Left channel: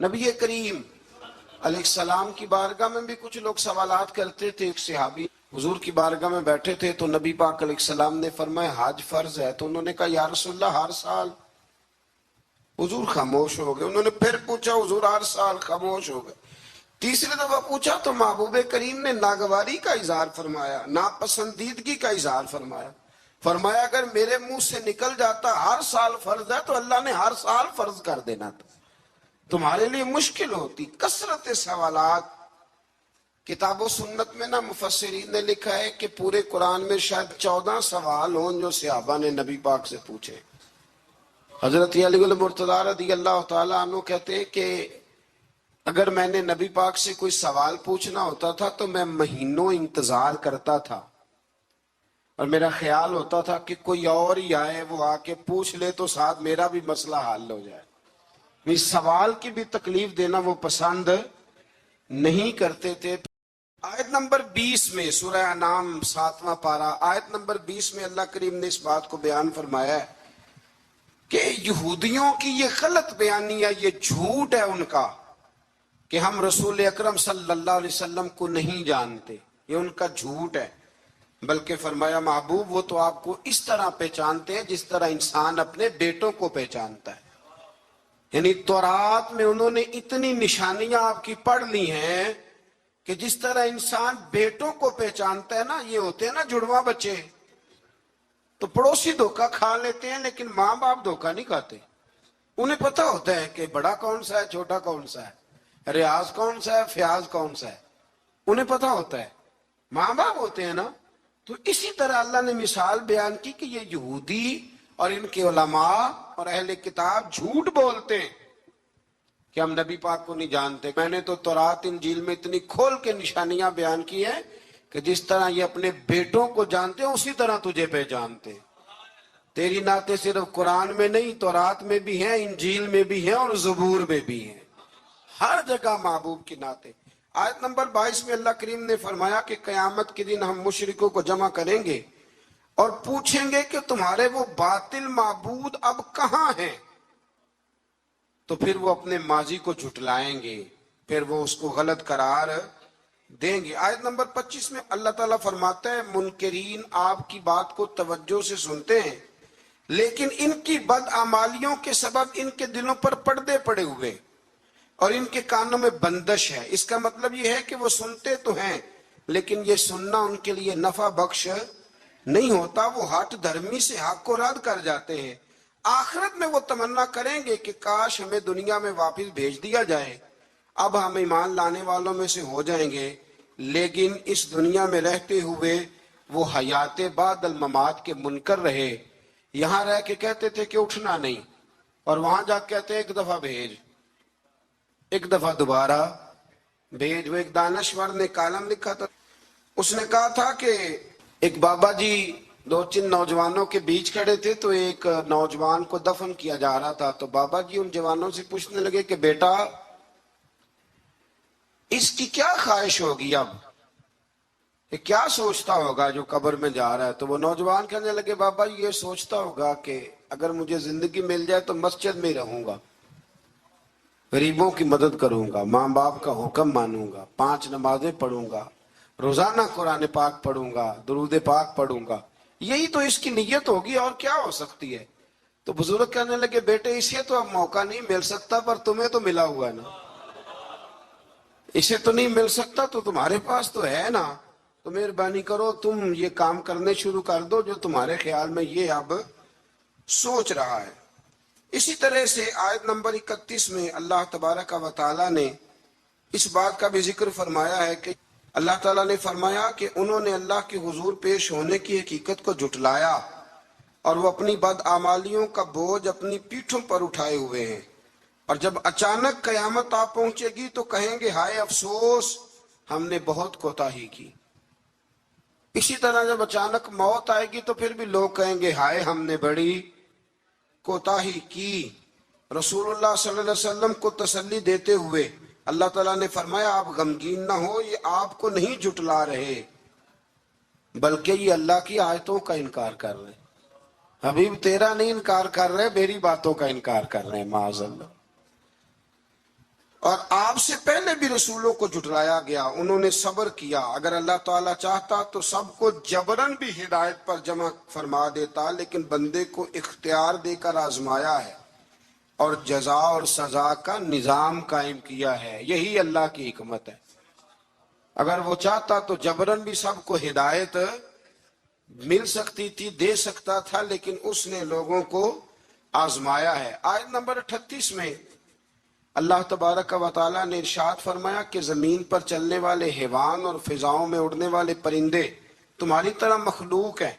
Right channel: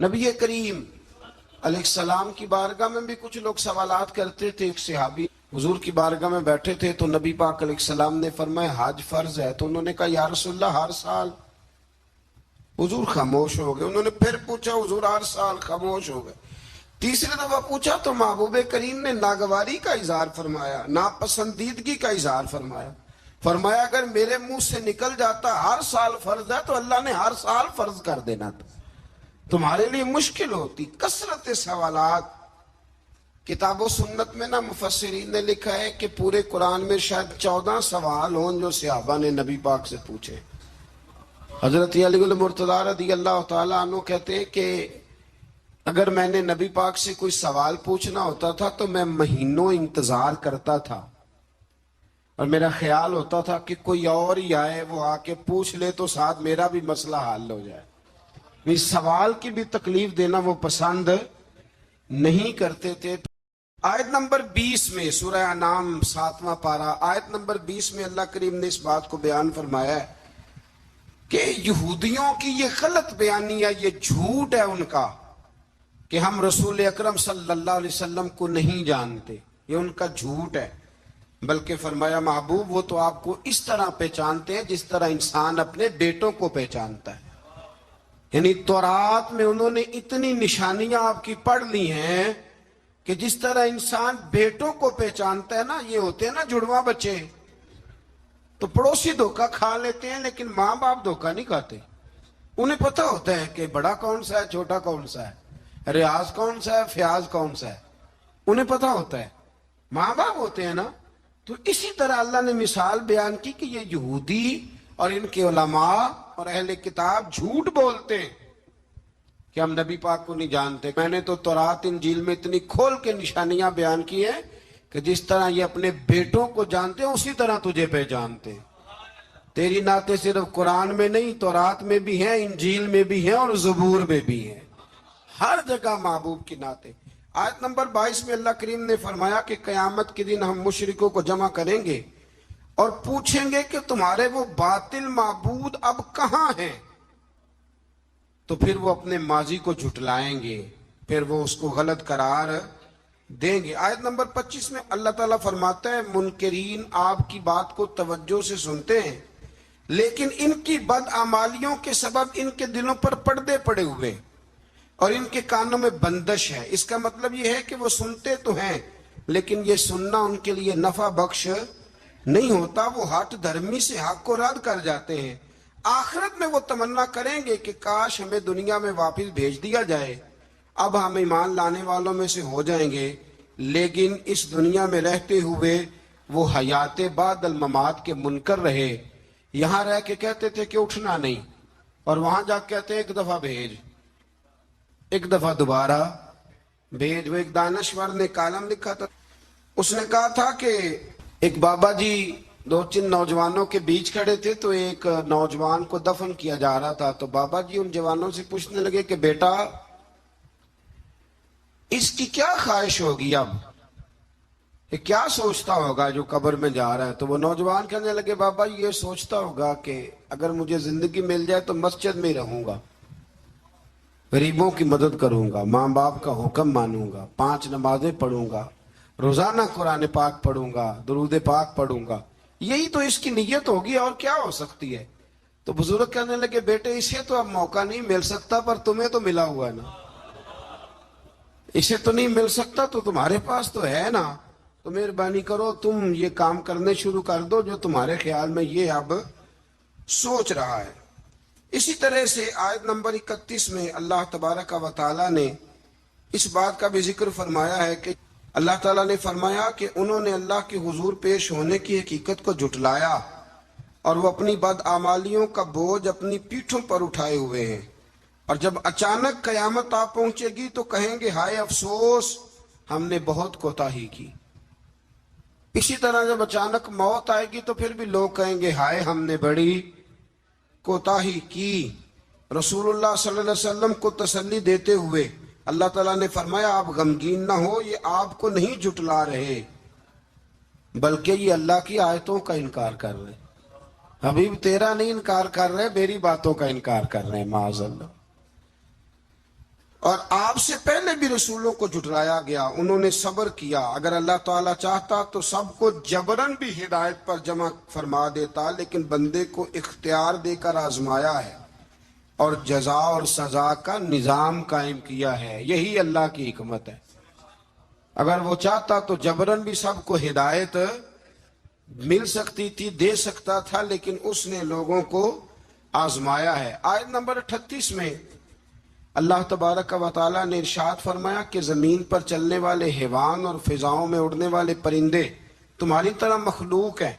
نبی کریم علیہ السلام کی بارگاہ میں بھی کچھ لوگ سوالات کرتے تھے. ایک صحابی حضور کی بارگاہ میں بیٹھے تھے تو نبی پاک علیہ السلام نے فرمایا حج فرض ہے. تو انہوں نے کہا یا رسول اللہ ہر سال. حضور خاموش ہو گئے. انہوں نے پھر پوچھا حضور ہر سال. خاموش ہو گئے. تیسری دفعہ پوچھا تو محبوب کریم نے ناگواری کا اظہار فرمایا, ناپسندیدگی کا اظہار فرمایا. فرمایا اگر میرے منہ سے نکل جاتا ہر سال فرض ہے تو اللہ نے ہر سال فرض کر دینا تھا. تمہارے لیے مشکل ہوتی. کثرت سوالات. کتاب و سنت میں نا مفسرین نے لکھا ہے کہ پورے قرآن میں شاید 14 سوال ہوں جو صحابہ نے نبی پاک سے پوچھے. حضرت علی المرتضیٰ رضی اللہ تعالیٰ عنہ کہتے ہیں کہ اگر میں نے نبی پاک سے کوئی سوال پوچھنا ہوتا تھا تو میں مہینوں انتظار کرتا تھا اور میرا خیال ہوتا تھا کہ کوئی اور ہی آئے وہ آ کے پوچھ لے تو ساتھ میرا بھی مسئلہ حل ہو جائے. اس سوال کی بھی تکلیف دینا وہ پسند نہیں کرتے تھے. آیت نمبر 20 میں سورہ انعام 7واں پارہ آیت نمبر 20 میں اللہ کریم نے اس بات کو بیان فرمایا ہے کہ یہودیوں کی یہ غلط بیانی ہے, یہ جھوٹ ہے ان کا کہ ہم رسول اکرم صلی اللہ علیہ وسلم کو نہیں جانتے. یہ ان کا جھوٹ ہے. بلکہ فرمایا محبوب وہ تو آپ کو اس طرح پہچانتے ہیں جس طرح انسان اپنے بیٹوں کو پہچانتا ہے. یعنی تورات میں انہوں نے اتنی نشانیاں آپ کی پڑھ لی ہیں کہ جس طرح انسان بیٹوں کو پہچانتا ہے نا, یہ ہوتے ہیں نا جڑواں بچے, تو پڑوسی دھوکہ کھا لیتے ہیں لیکن ماں باپ دھوکہ نہیں کھاتے. انہیں پتہ ہوتا ہے کہ بڑا کون سا ہے چھوٹا کون سا ہے, ریاض کون سا ہے فیاض کون سا ہے. انہیں پتہ ہوتا ہے. ماں باپ ہوتے ہیں نا. تو اسی طرح اللہ نے مثال بیان کی کہ یہ یہودی اور ان کے علماء اور اہل کتاب جھوٹ بولتے ہیں کہ ہم نبی پاک کو نہیں جانتے. میں نے تو تورات انجیل میں اتنی کھول کے نشانیاں بیان کی ہیں کہ جس طرح یہ اپنے بیٹوں کو جانتے ہیں اسی طرح تجھے پہچانتے. تیری نعتیں صرف قرآن میں نہیں تورات میں بھی ہیں, انجیل میں بھی ہیں اور زبور میں بھی ہیں. ہر جگہ محبوب کی نعتیں. آیت نمبر 22 میں اللہ کریم نے فرمایا کہ قیامت کے دن ہم مشرکوں کو جمع کریں گے اور پوچھیں گے کہ تمہارے وہ باطل معبود اب کہاں ہیں. تو پھر وہ اپنے ماضی کو جھٹلائیں گے, پھر وہ اس کو غلط قرار دیں گے. آیت نمبر 25 میں اللہ تعالیٰ فرماتا ہے منکرین آپ کی بات کو توجہ سے سنتے ہیں لیکن ان کی بدعمالیوں کے سبب ان کے دلوں پر پردے پڑے ہوئے اور ان کے کانوں میں بندش ہے. اس کا مطلب یہ ہے کہ وہ سنتے تو ہیں لیکن یہ سننا ان کے لیے نفع بخش نہیں ہوتا. وہ ہٹ دھرمی سے حق کو رد کر جاتے ہیں. آخرت میں وہ تمنا کریں گے کہ کاش ہمیں دنیا میں واپس بھیج دیا جائے, اب ہم ایمان لانے والوں میں سے ہو جائیں گے. لیکن اس دنیا میں رہتے ہوئے وہ حیات بعد الممات کے منکر رہے. یہاں رہ کے کہتے تھے کہ اٹھنا نہیں اور وہاں جا کے کہتے ہیں ایک دفعہ بھیج, ایک دفعہ دوبارہ بھیج. وہ ایک دانشور نے کالم لکھا تھا, اس نے کہا تھا کہ ایک بابا جی 2-3 نوجوانوں کے بیچ کھڑے تھے تو ایک نوجوان کو دفن کیا جا رہا تھا. تو بابا جی ان جوانوں سے پوچھنے لگے کہ بیٹا اس کی کیا خواہش ہوگی, اب یہ کیا سوچتا ہوگا جو قبر میں جا رہا ہے. تو وہ نوجوان کہنے لگے بابا یہ سوچتا ہوگا کہ اگر مجھے زندگی مل جائے تو مسجد میں رہوں گا, غریبوں کی مدد کروں گا, ماں باپ کا حکم مانوں گا, 5 نمازیں پڑھوں گا, روزانہ قرآن پاک پڑھوں گا, درود پاک پڑھوں گا. یہی تو اس کی نیت ہوگی اور کیا ہو سکتی ہے. تو بزرگ کہنے لگے بیٹے اسے تو اب موقع نہیں مل سکتا پر تمہیں تو ملا ہوا ہے نا. اسے تو نہیں مل سکتا تو تمہارے پاس تو ہے نا, تو مہربانی کرو تم یہ کام کرنے شروع کر دو جو تمہارے خیال میں یہ اب سوچ رہا ہے. اسی طرح سے آیت نمبر 31 میں اللہ تبارک و تعالیٰ نے اس بات کا بھی ذکر فرمایا ہے کہ اللہ تعالیٰ نے فرمایا کہ انہوں نے اللہ کے حضور پیش ہونے کی حقیقت کو جھٹلایا اور وہ اپنی بدعمالیوں کا بوجھ اپنی پیٹھوں پر اٹھائے ہوئے ہیں. اور جب اچانک قیامت آ پہنچے گی تو کہیں گے ہائے افسوس ہم نے بہت کوتاہی کی. اسی طرح جب اچانک موت آئے گی تو پھر بھی لوگ کہیں گے ہائے ہم نے بڑی کوتاہی کی. رسول اللہ صلی اللہ علیہ وسلم کو تسلی دیتے ہوئے اللہ تعالیٰ نے فرمایا آپ غمگین نہ ہو, یہ آپ کو نہیں جھٹلا رہے بلکہ یہ اللہ کی آیتوں کا انکار کر رہے. حبیب تیرا نہیں انکار کر رہے, میری باتوں کا انکار کر رہے ہیں معاذ اللہ. اور آپ سے پہلے بھی رسولوں کو جھٹلایا گیا، انہوں نے صبر کیا۔ اگر اللہ تعالیٰ چاہتا تو سب کو جبرن بھی ہدایت پر جمع فرما دیتا، لیکن بندے کو اختیار دے کر آزمایا ہے اور جزا اور سزا کا نظام قائم کیا ہے۔ یہی اللہ کی حکمت ہے۔ اگر وہ چاہتا تو جبرن بھی سب کو ہدایت مل سکتی تھی، دے سکتا تھا، لیکن اس نے لوگوں کو آزمایا ہے۔ آیت نمبر 38 میں اللہ تبارک و تعالیٰ نے ارشاد فرمایا کہ زمین پر چلنے والے حیوان اور فضاؤں میں اڑنے والے پرندے تمہاری طرح مخلوق ہیں۔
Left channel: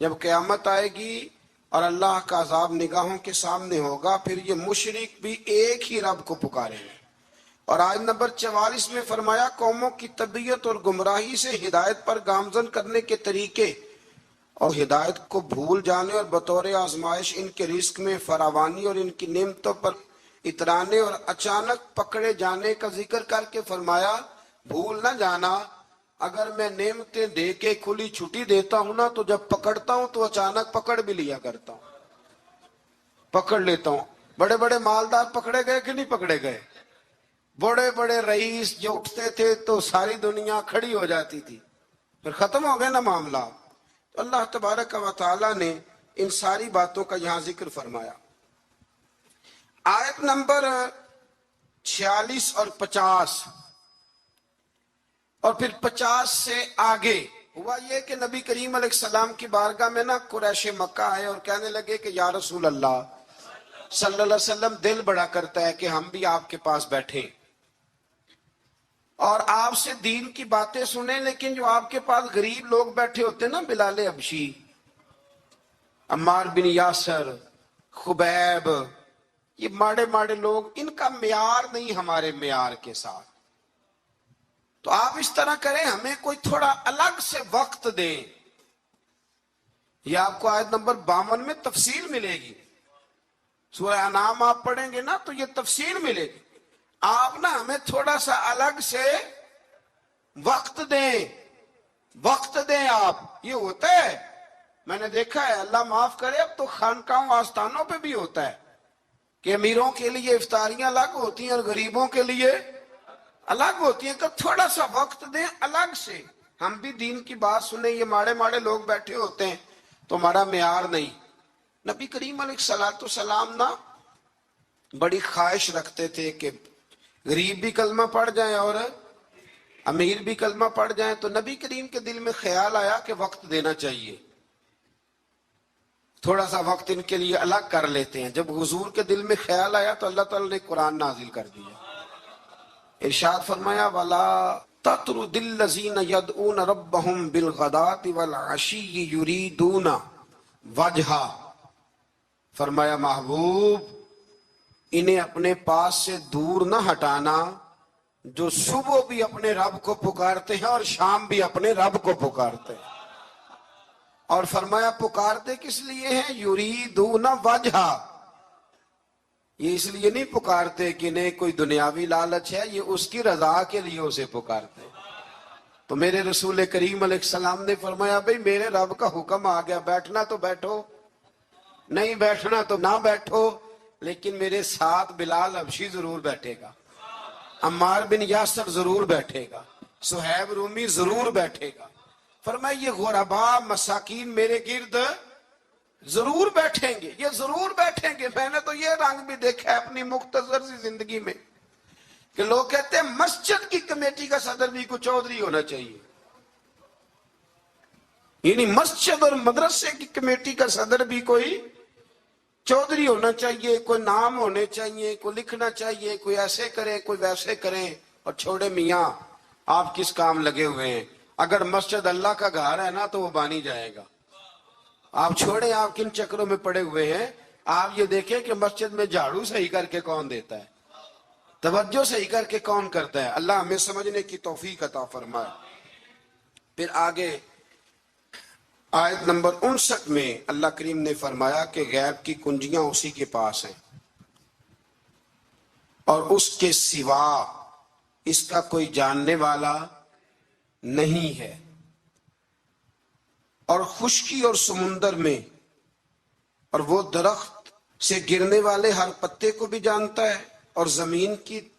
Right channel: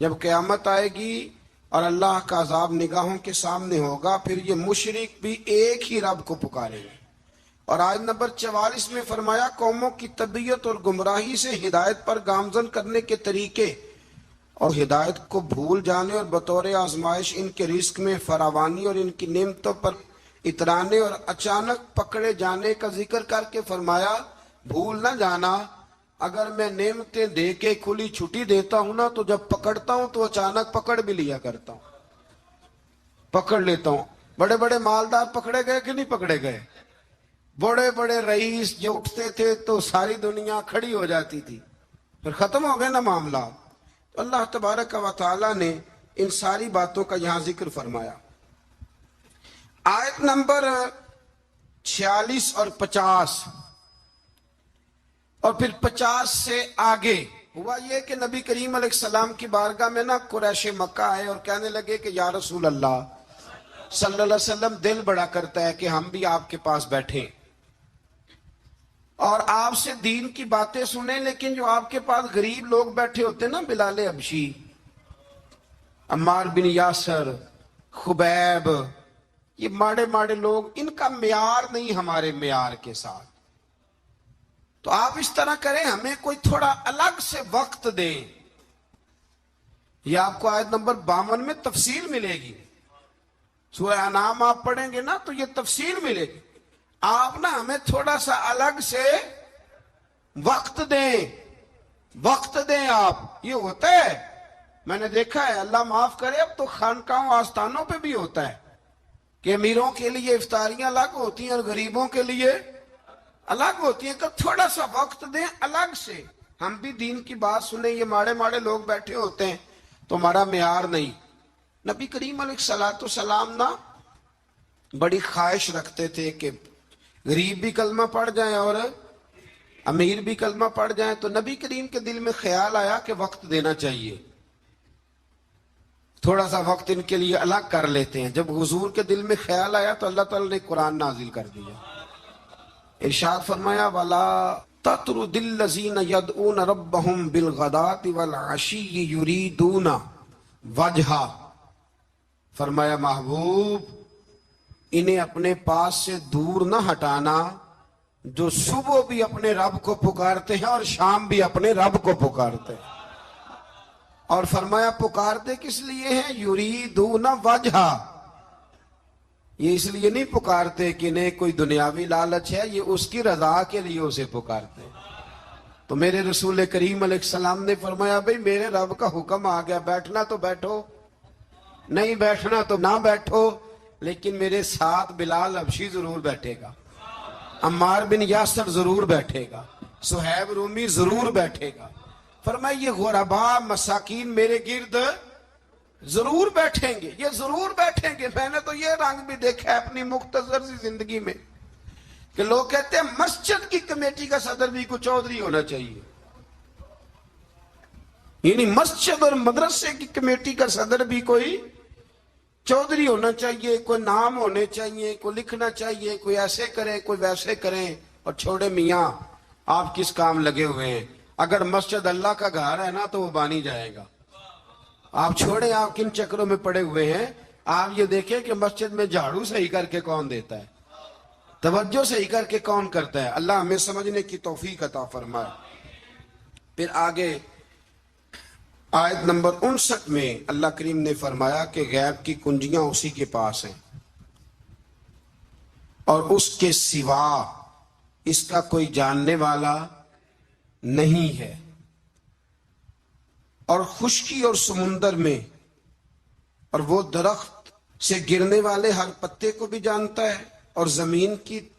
جب قیامت آئے گی اور اللہ کا عذاب نگاہوں کے سامنے ہوگا، پھر یہ مشرک بھی ایک ہی رب کو پکاریں گے۔ اور آیت نمبر 44 میں فرمایا قوموں کی طبیعت اور گمراہی سے ہدایت پر گامزن کرنے کے طریقے اور ہدایت کو بھول جانے اور بطور آزمائش ان کے رزق میں فراوانی اور ان کی نعمتوں پر اترانے اور اچانک پکڑے جانے کا ذکر کر کے فرمایا بھول نہ جانا، اگر میں نعمتیں دے کے کھلی چھٹی دیتا ہوں نا تو جب پکڑتا ہوں تو اچانک پکڑ بھی لیا کرتا ہوں، پکڑ لیتا ہوں۔ بڑے بڑے مالدار پکڑے گئے کہ نہیں پکڑے گئے؟ بڑے بڑے رئیس جو اٹھتے تھے تو ساری دنیا کھڑی ہو جاتی تھی، پھر ختم ہو گئے نا معاملہ۔ تو اللہ تبارک و تعالیٰ نے ان ساری باتوں کا یہاں ذکر فرمایا۔ آیت نمبر 46 اور 50 اور پھر 50 سے آگے ہوا یہ کہ نبی کریم علیہ السلام کی بارگاہ میں نا قریش مکہ ہے اور کہنے لگے کہ یا رسول اللہ صلی اللہ علیہ وسلم، دل بڑا کرتا ہے کہ ہم بھی آپ کے پاس بیٹھیں اور آپ سے دین کی باتیں سنیں، لیکن جو آپ کے پاس غریب لوگ بیٹھے ہوتے نا، بلال حبشی، عمار بن یاسر، خبیب، یہ ماڑے ماڑے لوگ، ان کا معیار نہیں ہمارے معیار کے ساتھ، تو آپ اس طرح کریں ہمیں کوئی تھوڑا الگ سے وقت دیں۔ یہ آپ کو آیت نمبر 52 میں تفصیل ملے گی، سورہ انعام آپ پڑھیں گے نا تو یہ تفصیل ملے گی۔ آپ نا ہمیں تھوڑا سا الگ سے وقت دیں، وقت دیں آپ۔ یہ ہوتا ہے، میں نے دیکھا ہے، اللہ معاف کرے، اب تو خانقاہوں آستانوں پہ بھی ہوتا ہے کہ امیروں کے لیے افطاریاں الگ ہوتی ہیں اور غریبوں کے لیے الگ ہوتی ہیں، تو تھوڑا سا وقت دیں الگ سے، ہم بھی دین کی بات سنیں۔ یہ ماڑے ماڑے لوگ بیٹھے ہوتے ہیں تو ہمارا معیار نہیں۔ نبی کریم علیہ السلام نا بڑی خواہش رکھتے تھے کہ غریب بھی کلمہ پڑھ جائیں اور امیر بھی کلمہ پڑھ جائیں، تو نبی کریم کے دل میں خیال آیا کہ وقت دینا چاہیے، تھوڑا سا وقت ان کے لیے الگ کر لیتے ہیں۔ جب حضور کے دل میں خیال آیا تو اللہ تعالیٰ نے قرآن نازل کر دیا، ارشاد فرمایا وَلَا تَطْرُدِ الَّذِينَ يَدْعُونَ رَبَّهُمْ بِالْغَدَاةِ وَالْعَشِيِّ يُرِيدُونَ وَجْهَهُ، فرمایا محبوب انہیں اپنے پاس سے دور نہ ہٹانا جو صبح بھی اپنے رب کو پکارتے ہیں اور شام بھی اپنے رب کو پکارتے ہیں۔ اور فرمایا پکارتے کس لیے ہیں؟ یریدون وجہا، یہ اس لیے نہیں پکارتے کہ انہیں کوئی دنیاوی لالچ ہے، یہ اس کی رضا کے لیے اسے پکارتے۔ تو میرے رسول کریم علیہ السلام نے فرمایا بھئی میرے رب کا حکم آ گیا، بیٹھنا تو بیٹھو، نہیں بیٹھنا تو نہ بیٹھو، لیکن میرے ساتھ بلال حبشی ضرور بیٹھے گا، عمار بن یاسر ضرور بیٹھے گا، صہیب رومی ضرور بیٹھے گا۔ فرمایا یہ غرباء مساکین میرے گرد ضرور بیٹھیں گے، یہ ضرور بیٹھیں گے۔ میں نے تو یہ رنگ بھی دیکھا ہے اپنی مختصر سی زندگی میں کہ لوگ کہتے ہیں مسجد کی کمیٹی کا صدر بھی کوئی چودھری ہونا چاہیے، یعنی مسجد اور مدرسے کی کمیٹی کا صدر بھی کوئی چودھری ہونا چاہیے، کوئی نام ہونے چاہیے، کوئی لکھنا چاہیے، کوئی ایسے کرے کوئی ویسے کرے۔ اور چھوڑے میاں آپ کس کام لگے ہوئے ہیں؟ اگر مسجد اللہ کا گھر ہے نا تو وہ بانی جائے گا۔ آپ چھوڑے آپ کن چکروں میں پڑے ہوئے ہیں، آپ یہ دیکھیں کہ مسجد میں جھاڑو صحیح کر کے کون دیتا ہے، توجہ صحیح کر کے کون کرتا ہے۔ اللہ ہمیں سمجھنے کی توفیق عطا فرمائے۔ پھر آگے آیت نمبر 59 میں اللہ کریم نے فرمایا کہ غیب کی کنجیاں اسی کے پاس ہیں اور اس کے سوا اس کا کوئی جاننے والا نہیں ہے، اور خشکی اور سمندر میں اور وہ درخت سے گرنے والے ہر پتے کو بھی جانتا ہے اور زمین کی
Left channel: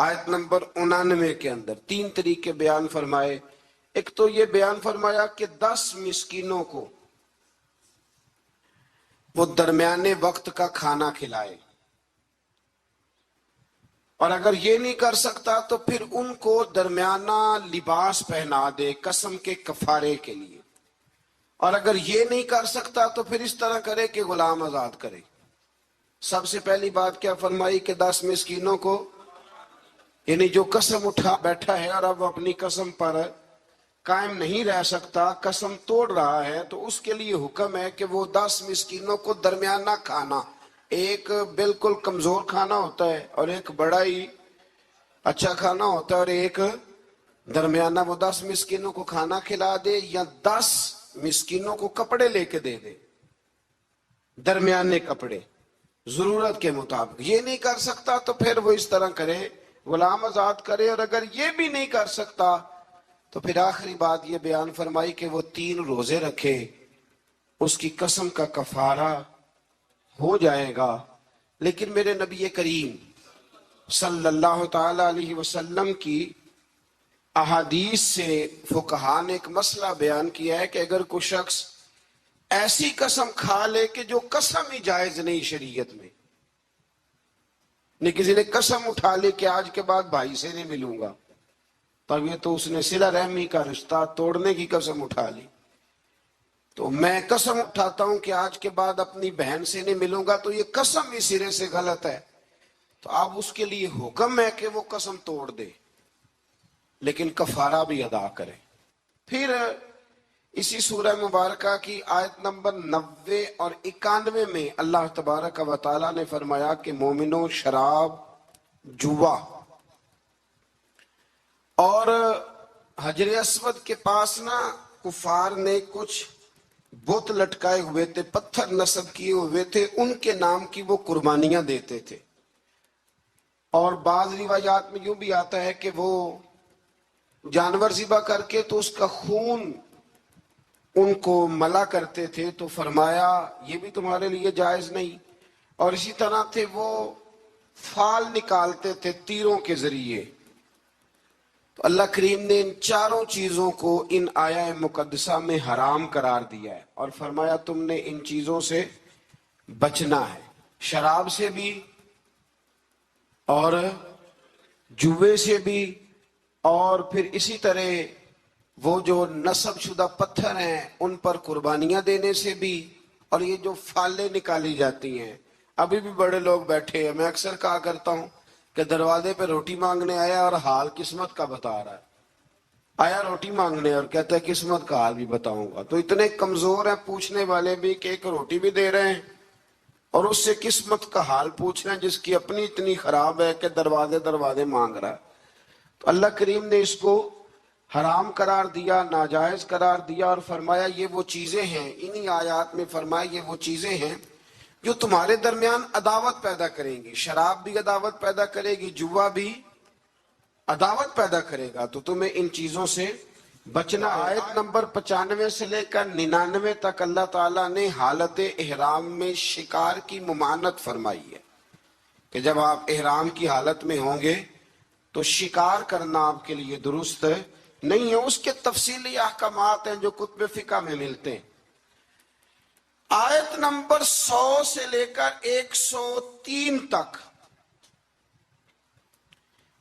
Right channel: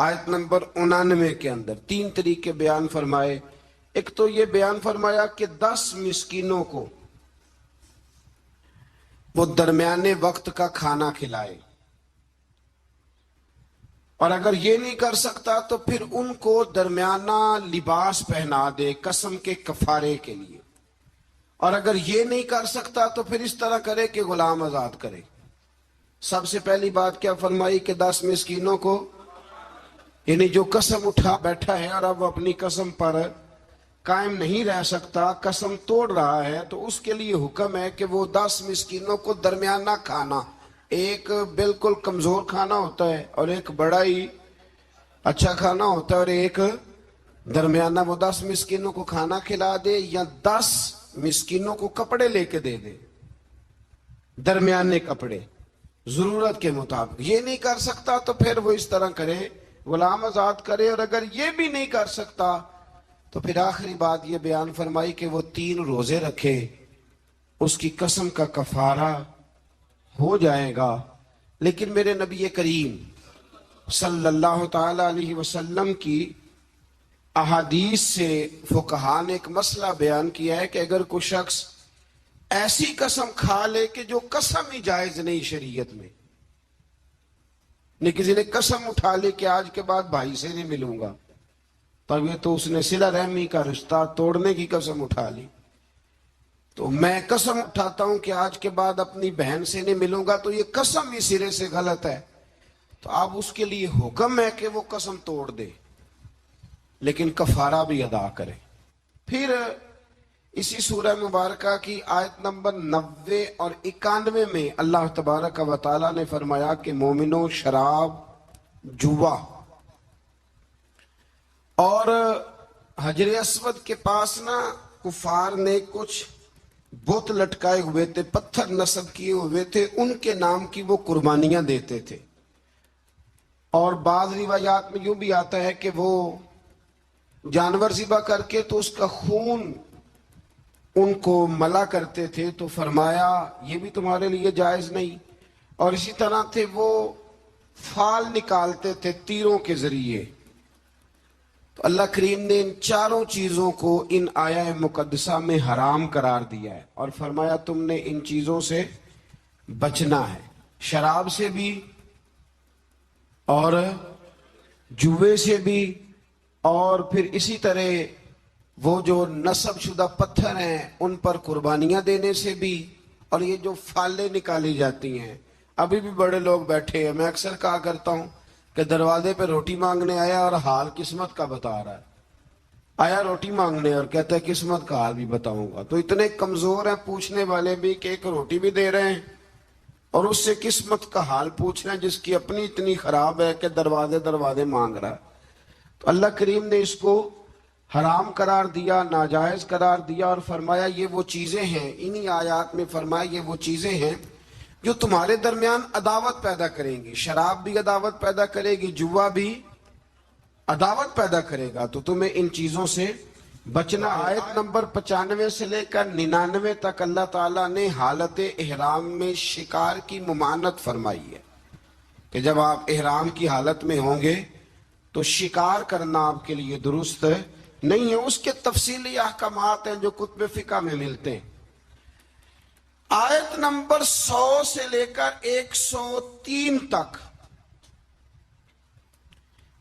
آیت نمبر 99 کے اندر 3 طریقے بیان فرمائے. ایک تو یہ بیان فرمایا کہ 10 مسکینوں کو وہ درمیانے وقت کا کھانا کھلائے، اور اگر یہ نہیں کر سکتا تو پھر ان کو درمیانہ لباس پہنا دے قسم کے کفارے کے لیے، اور اگر یہ نہیں کر سکتا تو پھر اس طرح کرے کہ غلام آزاد کرے. سب سے پہلی بات کیا فرمائی کہ 10 مسکینوں کو، یعنی جو قسم اٹھا بیٹھا ہے اور اب وہ اپنی قسم پر قائم نہیں رہ سکتا، قسم توڑ رہا ہے، تو اس کے لیے حکم ہے کہ وہ 10 مسکینوں کو درمیانہ کھانا، ایک بالکل کمزور کھانا ہوتا ہے اور ایک بڑا ہی اچھا کھانا ہوتا ہے اور ایک درمیانہ، وہ 10 مسکینوں کو کھانا کھلا دے یا 10 مسکینوں کو کپڑے لے کے دے دے، درمیانے کپڑے ضرورت کے مطابق. یہ نہیں کر سکتا تو پھر وہ اس طرح کرے غلام آزاد کرے، اور اگر یہ بھی نہیں کر سکتا تو پھر آخری بات یہ بیان فرمائی کہ وہ 3 روزے رکھے، اس کی قسم کا کفارہ ہو جائے گا. لیکن میرے نبی کریم صلی اللہ تعالی علیہ وسلم کی احادیث سے فقہاء نے ایک مسئلہ بیان کیا ہے کہ اگر کوئی شخص ایسی قسم کھا لے کہ جو قسم ہی جائز نہیں شریعت میں، نہیں کسی نے قسم اٹھا لی کہ آج کے بعد بھائی سے نہیں ملوں گا، تب یہ تو اس نے صلہ رحمی کا رشتہ توڑنے کی قسم اٹھا لی. تو میں قسم اٹھاتا ہوں کہ آج کے بعد اپنی بہن سے نہیں ملوں گا، تو یہ قسم ہی سرے سے غلط ہے. تو اب اس کے لیے حکم ہے کہ وہ قسم توڑ دے لیکن کفارہ بھی ادا کرے. پھر اسی سورہ مبارکہ کی آیت نمبر 90 اور 91 میں اللہ تبارک و تعالی نے فرمایا کہ مومنوں، شراب، جوا اور حجر اسود کے پاس نا کفار نے کچھ بت لٹکائے ہوئے تھے، پتھر نصب کیے ہوئے تھے، ان کے نام کی وہ قربانیاں دیتے تھے. اور بعض روایات میں یوں بھی آتا ہے کہ وہ جانور ذبح کر کے تو اس کا خون ان کو ملا کرتے تھے. تو فرمایا یہ بھی تمہارے لیے جائز نہیں. اور اسی طرح تھے وہ فال نکالتے تھے تیروں کے ذریعے. تو اللہ کریم نے ان چاروں چیزوں کو ان آیہ مقدسہ میں حرام قرار دیا ہے اور فرمایا تم نے ان چیزوں سے بچنا ہے، شراب سے بھی اور جوے سے بھی، اور پھر اسی طرح وہ جو نصب شدہ پتھر ہیں ان پر قربانیاں دینے سے بھی، اور یہ جو فالیں نکالی جاتی ہیں. ابھی بھی بڑے لوگ بیٹھے ہیں، میں اکثر کہا کرتا ہوں کہ دروازے پہ روٹی مانگنے آیا اور حال قسمت کا بتا رہا ہے. آیا روٹی مانگنے اور کہتا ہے قسمت کا حال بھی بتاؤں گا. تو اتنے کمزور ہیں پوچھنے والے بھی کہ ایک روٹی بھی دے رہے ہیں اور اس سے قسمت کا حال پوچھ رہے ہیں جس کی اپنی اتنی خراب ہے کہ دروازے مانگ رہا ہے. تو اللہ کریم نے اس کو حرام قرار دیا، ناجائز قرار دیا اور فرمایا یہ وہ چیزیں ہیں، انہی آیات میں فرمایا یہ وہ چیزیں ہیں جو تمہارے درمیان عداوت پیدا کریں گی. شراب بھی عداوت پیدا کرے گی، جوا بھی عداوت پیدا کرے گا، تو تمہیں ان چیزوں سے بچنا. آیت نمبر 95 سے لے کر 99 تک اللہ تعالیٰ نے حالت احرام میں شکار کی ممانعت فرمائی ہے کہ جب آپ احرام کی حالت میں ہوں گے تو شکار کرنا آپ کے لیے درست نہیں ہے. اس کے تفصیلی احکامات ہیں جو کتب فقہ میں ملتے ہیں. آیت نمبر 100 سے لے کر 103 تک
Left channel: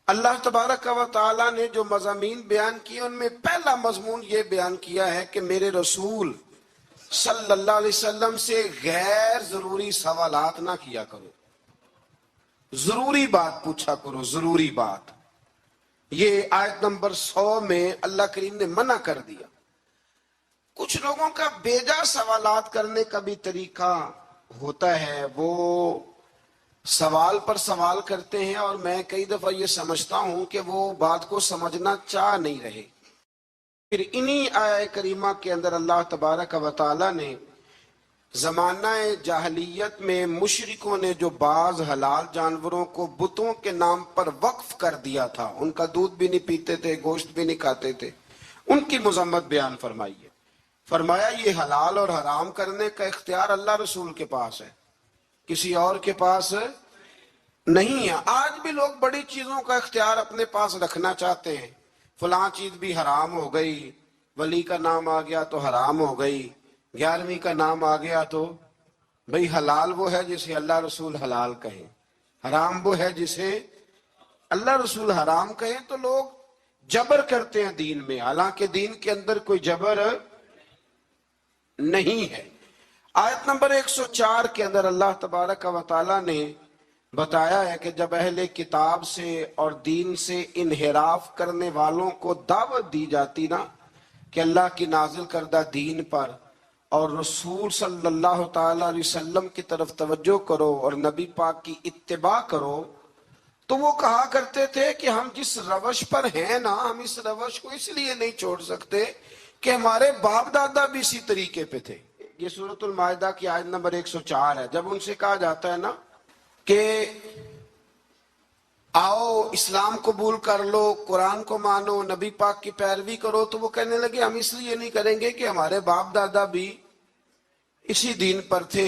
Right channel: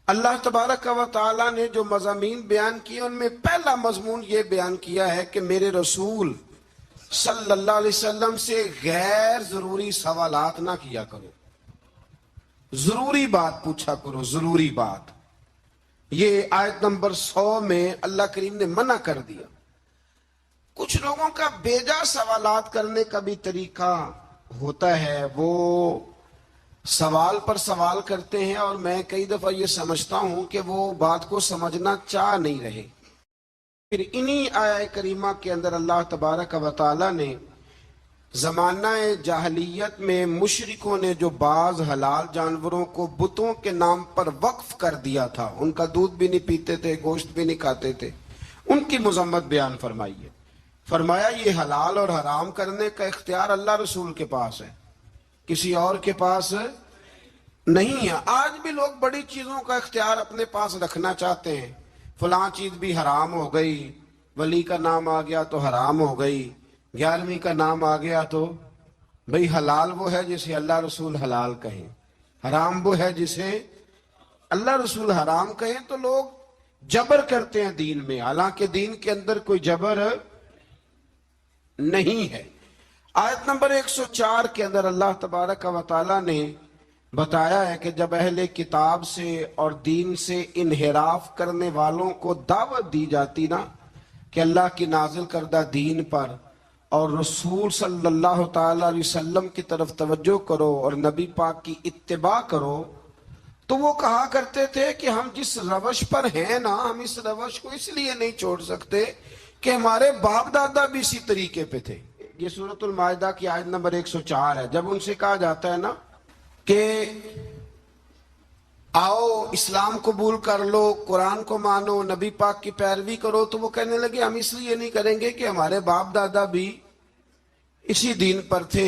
اللہ تبارک و تعالیٰ نے جو مضامین بیان کیے ان میں پہلا مضمون یہ بیان کیا ہے کہ میرے رسول صلی اللہ علیہ وسلم سے غیر ضروری سوالات نہ کیا کرو، ضروری بات پوچھا کرو، ضروری بات. یہ آیت نمبر 100 میں اللہ کریم نے منع کر دیا. کچھ لوگوں کا بیجا سوالات کرنے کا بھی طریقہ ہوتا ہے، وہ سوال پر سوال کرتے ہیں اور میں کئی دفعہ یہ سمجھتا ہوں کہ وہ بات کو سمجھنا چاہ نہیں رہے. پھر انہی آیہ کریمہ کے اندر اللہ تبارک و تعالی نے زمانہ جاہلیت میں مشرکوں نے جو بعض حلال جانوروں کو بتوں کے نام پر وقف کر دیا تھا، ان کا دودھ بھی نہیں پیتے تھے، گوشت بھی نہیں کھاتے تھے، ان کی مذمت بیان فرمائی ہے. فرمایا یہ حلال اور حرام کرنے کا اختیار اللہ رسول کے پاس ہے، کسی اور کے پاس نہیں ہے. آج بھی لوگ بڑی چیزوں کا اختیار اپنے پاس رکھنا چاہتے ہیں. فلاں چیز بھی حرام ہو گئی, ولی کا نام آ گیا تو حرام ہو گئی, 11ویں کا نام آ گیا تو بھئی حلال وہ ہے جسے اللہ رسول حلال کہیں, حرام وہ ہے جسے اللہ رسول حرام کہیں. تو لوگ جبر کرتے ہیں دین میں, حالانکہ دین کے اندر کوئی جبر نہیں ہے. آیت نمبر 104 کے اندر اللہ تبارک و تعالی نے بتایا ہے کہ جب اہل کتاب سے اور دین سے انحراف کرنے والوں کو دعوت دی جاتی نا کہ اللہ کی نازل کردہ دین پر اور رسول صلی اللہ تعالی علیہ وسلم کی طرف توجہ کرو اور نبی پاک کی اتباع کرو, تو وہ کہا کرتے تھے کہ ہم جس روش پر ہیں نا, ہم اس روش کو اس لیے نہیں چھوڑ سکتے کہ ہمارے باپ دادا بھی اسی طریقے پہ تھے. یہ سورۃ المائدہ کی آیت نمبر 104 ہے. جب ان سے کہا جاتا ہے نا کہ آؤ اسلام قبول کر لو, قرآن کو مانو, نبی پاک کی پیروی کرو, تو وہ کہنے لگے ہم اس لیے نہیں کریں گے کہ ہمارے باپ دادا بھی اسی دین پر تھے,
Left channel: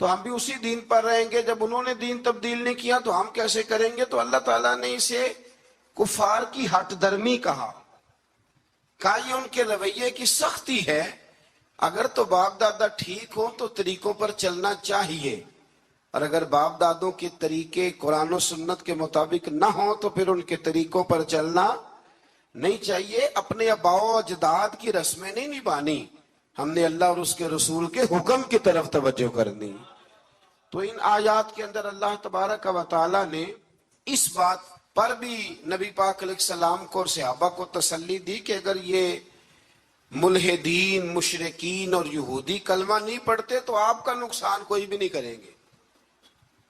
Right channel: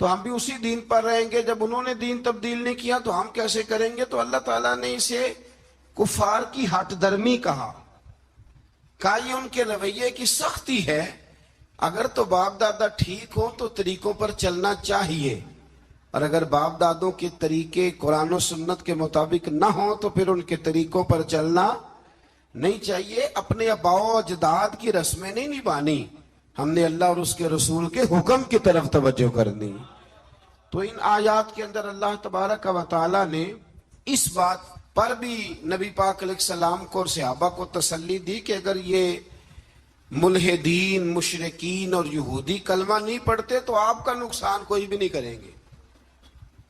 تو ہم بھی اسی دین پر رہیں گے. جب انہوں نے دین تبدیل نہیں کیا تو ہم کیسے کریں گے؟ تو اللہ تعالیٰ نے اسے کفار کی ہٹ درمی کہا یہ ان کے رویے کی سختی ہے. اگر تو باپ دادا ٹھیک ہو تو طریقوں پر چلنا چاہیے, اور اگر باپ دادوں کے طریقے قرآن و سنت کے مطابق نہ ہوں تو پھر ان کے طریقوں پر چلنا نہیں چاہیے. اپنے آباء و اجداد کی رسمیں نہیں نبھانی, ہم نے اللہ اور اس کے رسول کے حکم کی طرف توجہ کرنی. تو ان آیات کے اندر اللہ تبارک و تعالی نے اس بات پر بھی نبی پاک علیہ السلام کو اور صحابہ کو تسلی دی کہ اگر یہ ملحدین, مشرکین اور یہودی کلمہ نہیں پڑھتے تو آپ کا نقصان کوئی بھی نہیں کریں گے.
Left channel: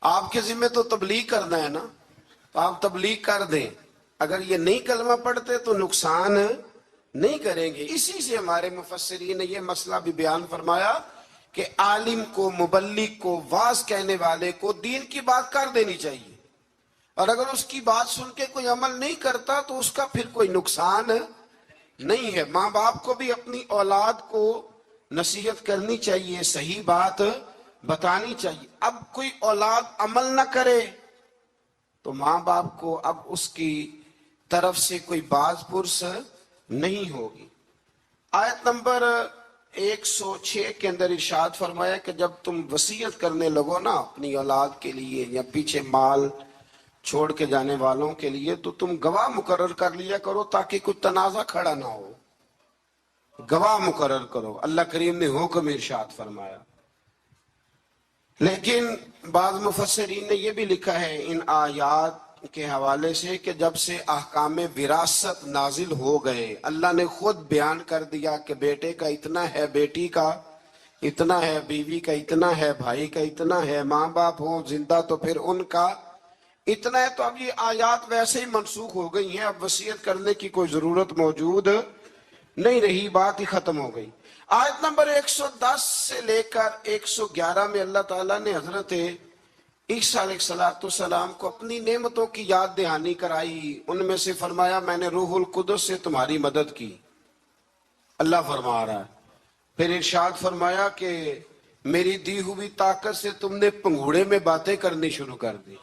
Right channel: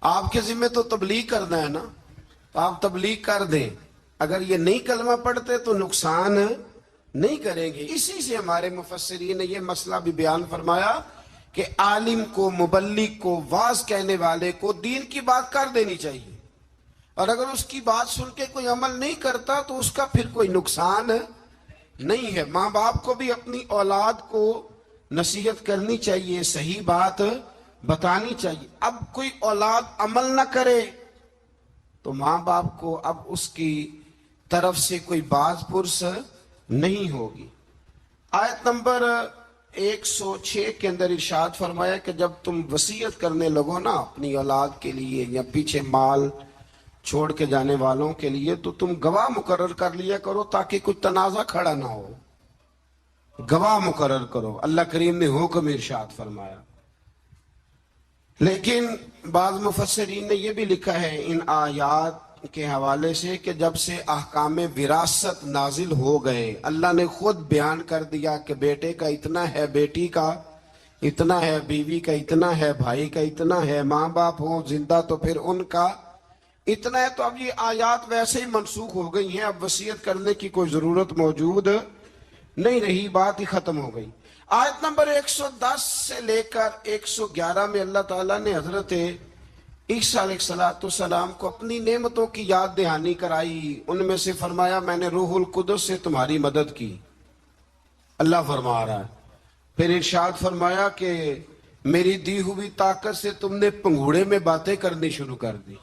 آپ کے ذمہ تو تبلیغ کرنا ہے نا, تو آپ تبلیغ کر دیں. اگر یہ نہیں کلمہ پڑھتے تو نقصان نہیں کریں گے. اسی سے ہمارے مفسرین نے یہ مسئلہ بھی بیان فرمایا کہ عالم کو, مبلغ کو, واعظ کہنے والے کو دین کی بات کر دینی چاہیے, اور اگر اس کی بات سن کے کوئی عمل نہیں کرتا تو اس کا پھر کوئی نقصان نہیں ہے. ماں باپ کو بھی اپنی اولاد کو نصیحت کرنی چاہیے, صحیح بات بتانی چاہیے. اب کوئی اولاد عمل نہ کرے تو ماں باپ کو اب اس کی طرف سے کوئی باز پرس نہیں ہوگی. آیت نمبر 106 کے اندر ارشاد فرمایا کہ جب تم وصیت کرنے لگو نا اپنی اولاد کے لیے یا پیچھے مال چھوڑ کے جانے والوں کے لیے, تو تم گواہ مقرر کر لیا کرو تاکہ کوئی تنازع کھڑا نہ ہو. گواہ مقرر کرو, اللہ کریم نے حکم ارشاد فرمایا. لیکن بعض مفسرین نے یہ بھی لکھا ہے ان آیات کے حوالے سے کہ جب سے احکام وراثت نازل ہو گئے, اللہ نے خود بیان کر دیا کہ بیٹے کا اتنا ہے, بیٹی کا اتنا ہے, بیوی کا اتنا ہے, بھائی کا اتنا ہے, ماں باپ ہوں زندہ تو پھر ان کا اتنا ہے, تو اب یہ آیات ویسے ہی منسوخ ہو گئی ہیں. اب وصیت کرنے کی کوئی ضرورت موجود نہیں رہی, بات ہی ختم ہو گئی. آیت نمبر 110 سے لے کر 111 میں اللہ تعالیٰ نے حضرت عیسیٰ علیہ السلام کو اپنی نعمتوں کی یاد دہانی کرائی. ان میں سے فرمایا میں نے روح القدس سے تمہاری مدد کی, اللہ فرما رہا ہے. پھر ارشاد فرمایا کہ میری دی ہوئی طاقت سے تم نے پنگھوڑے میں باتیں کرنی شروع کر دی,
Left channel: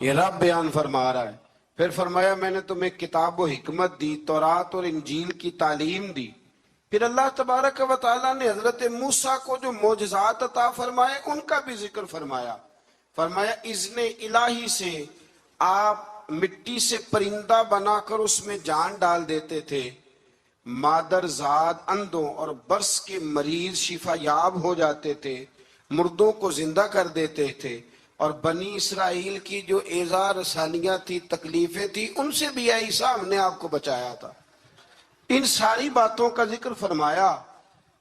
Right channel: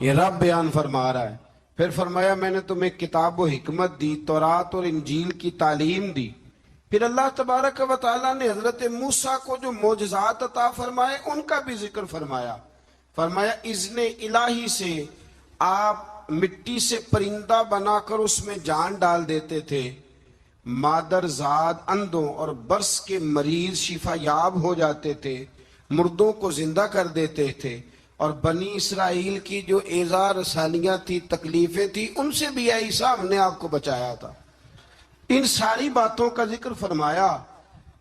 یہ رب بیان فرما رہا ہے. پھر فرمایا میں نے تمہیں کتاب و حکمت دی, تورات اور انجیل کی تعلیم دی. پھر اللہ تبارک و تعالیٰ نے حضرت موسیٰ کو جو معجزات عطا فرمائے ان کا بھی ذکر فرمایا. فرمایا اذن الہی سے آپ مٹی سے پرندہ بنا کر اس میں جان ڈال دیتے تھے, مادر زاد اندھوں اور برس کے مریض شفا یاب ہو جاتے تھے, مردوں کو زندہ کر دیتے تھے, اور بنی اسرائیل کی جو ایذا رسانیاں تھی, تکلیفیں تھی, ان سے بھی اے عیسیٰ ہم نے آپ کو بچایا تھا. ان ساری باتوں کا ذکر فرمایا.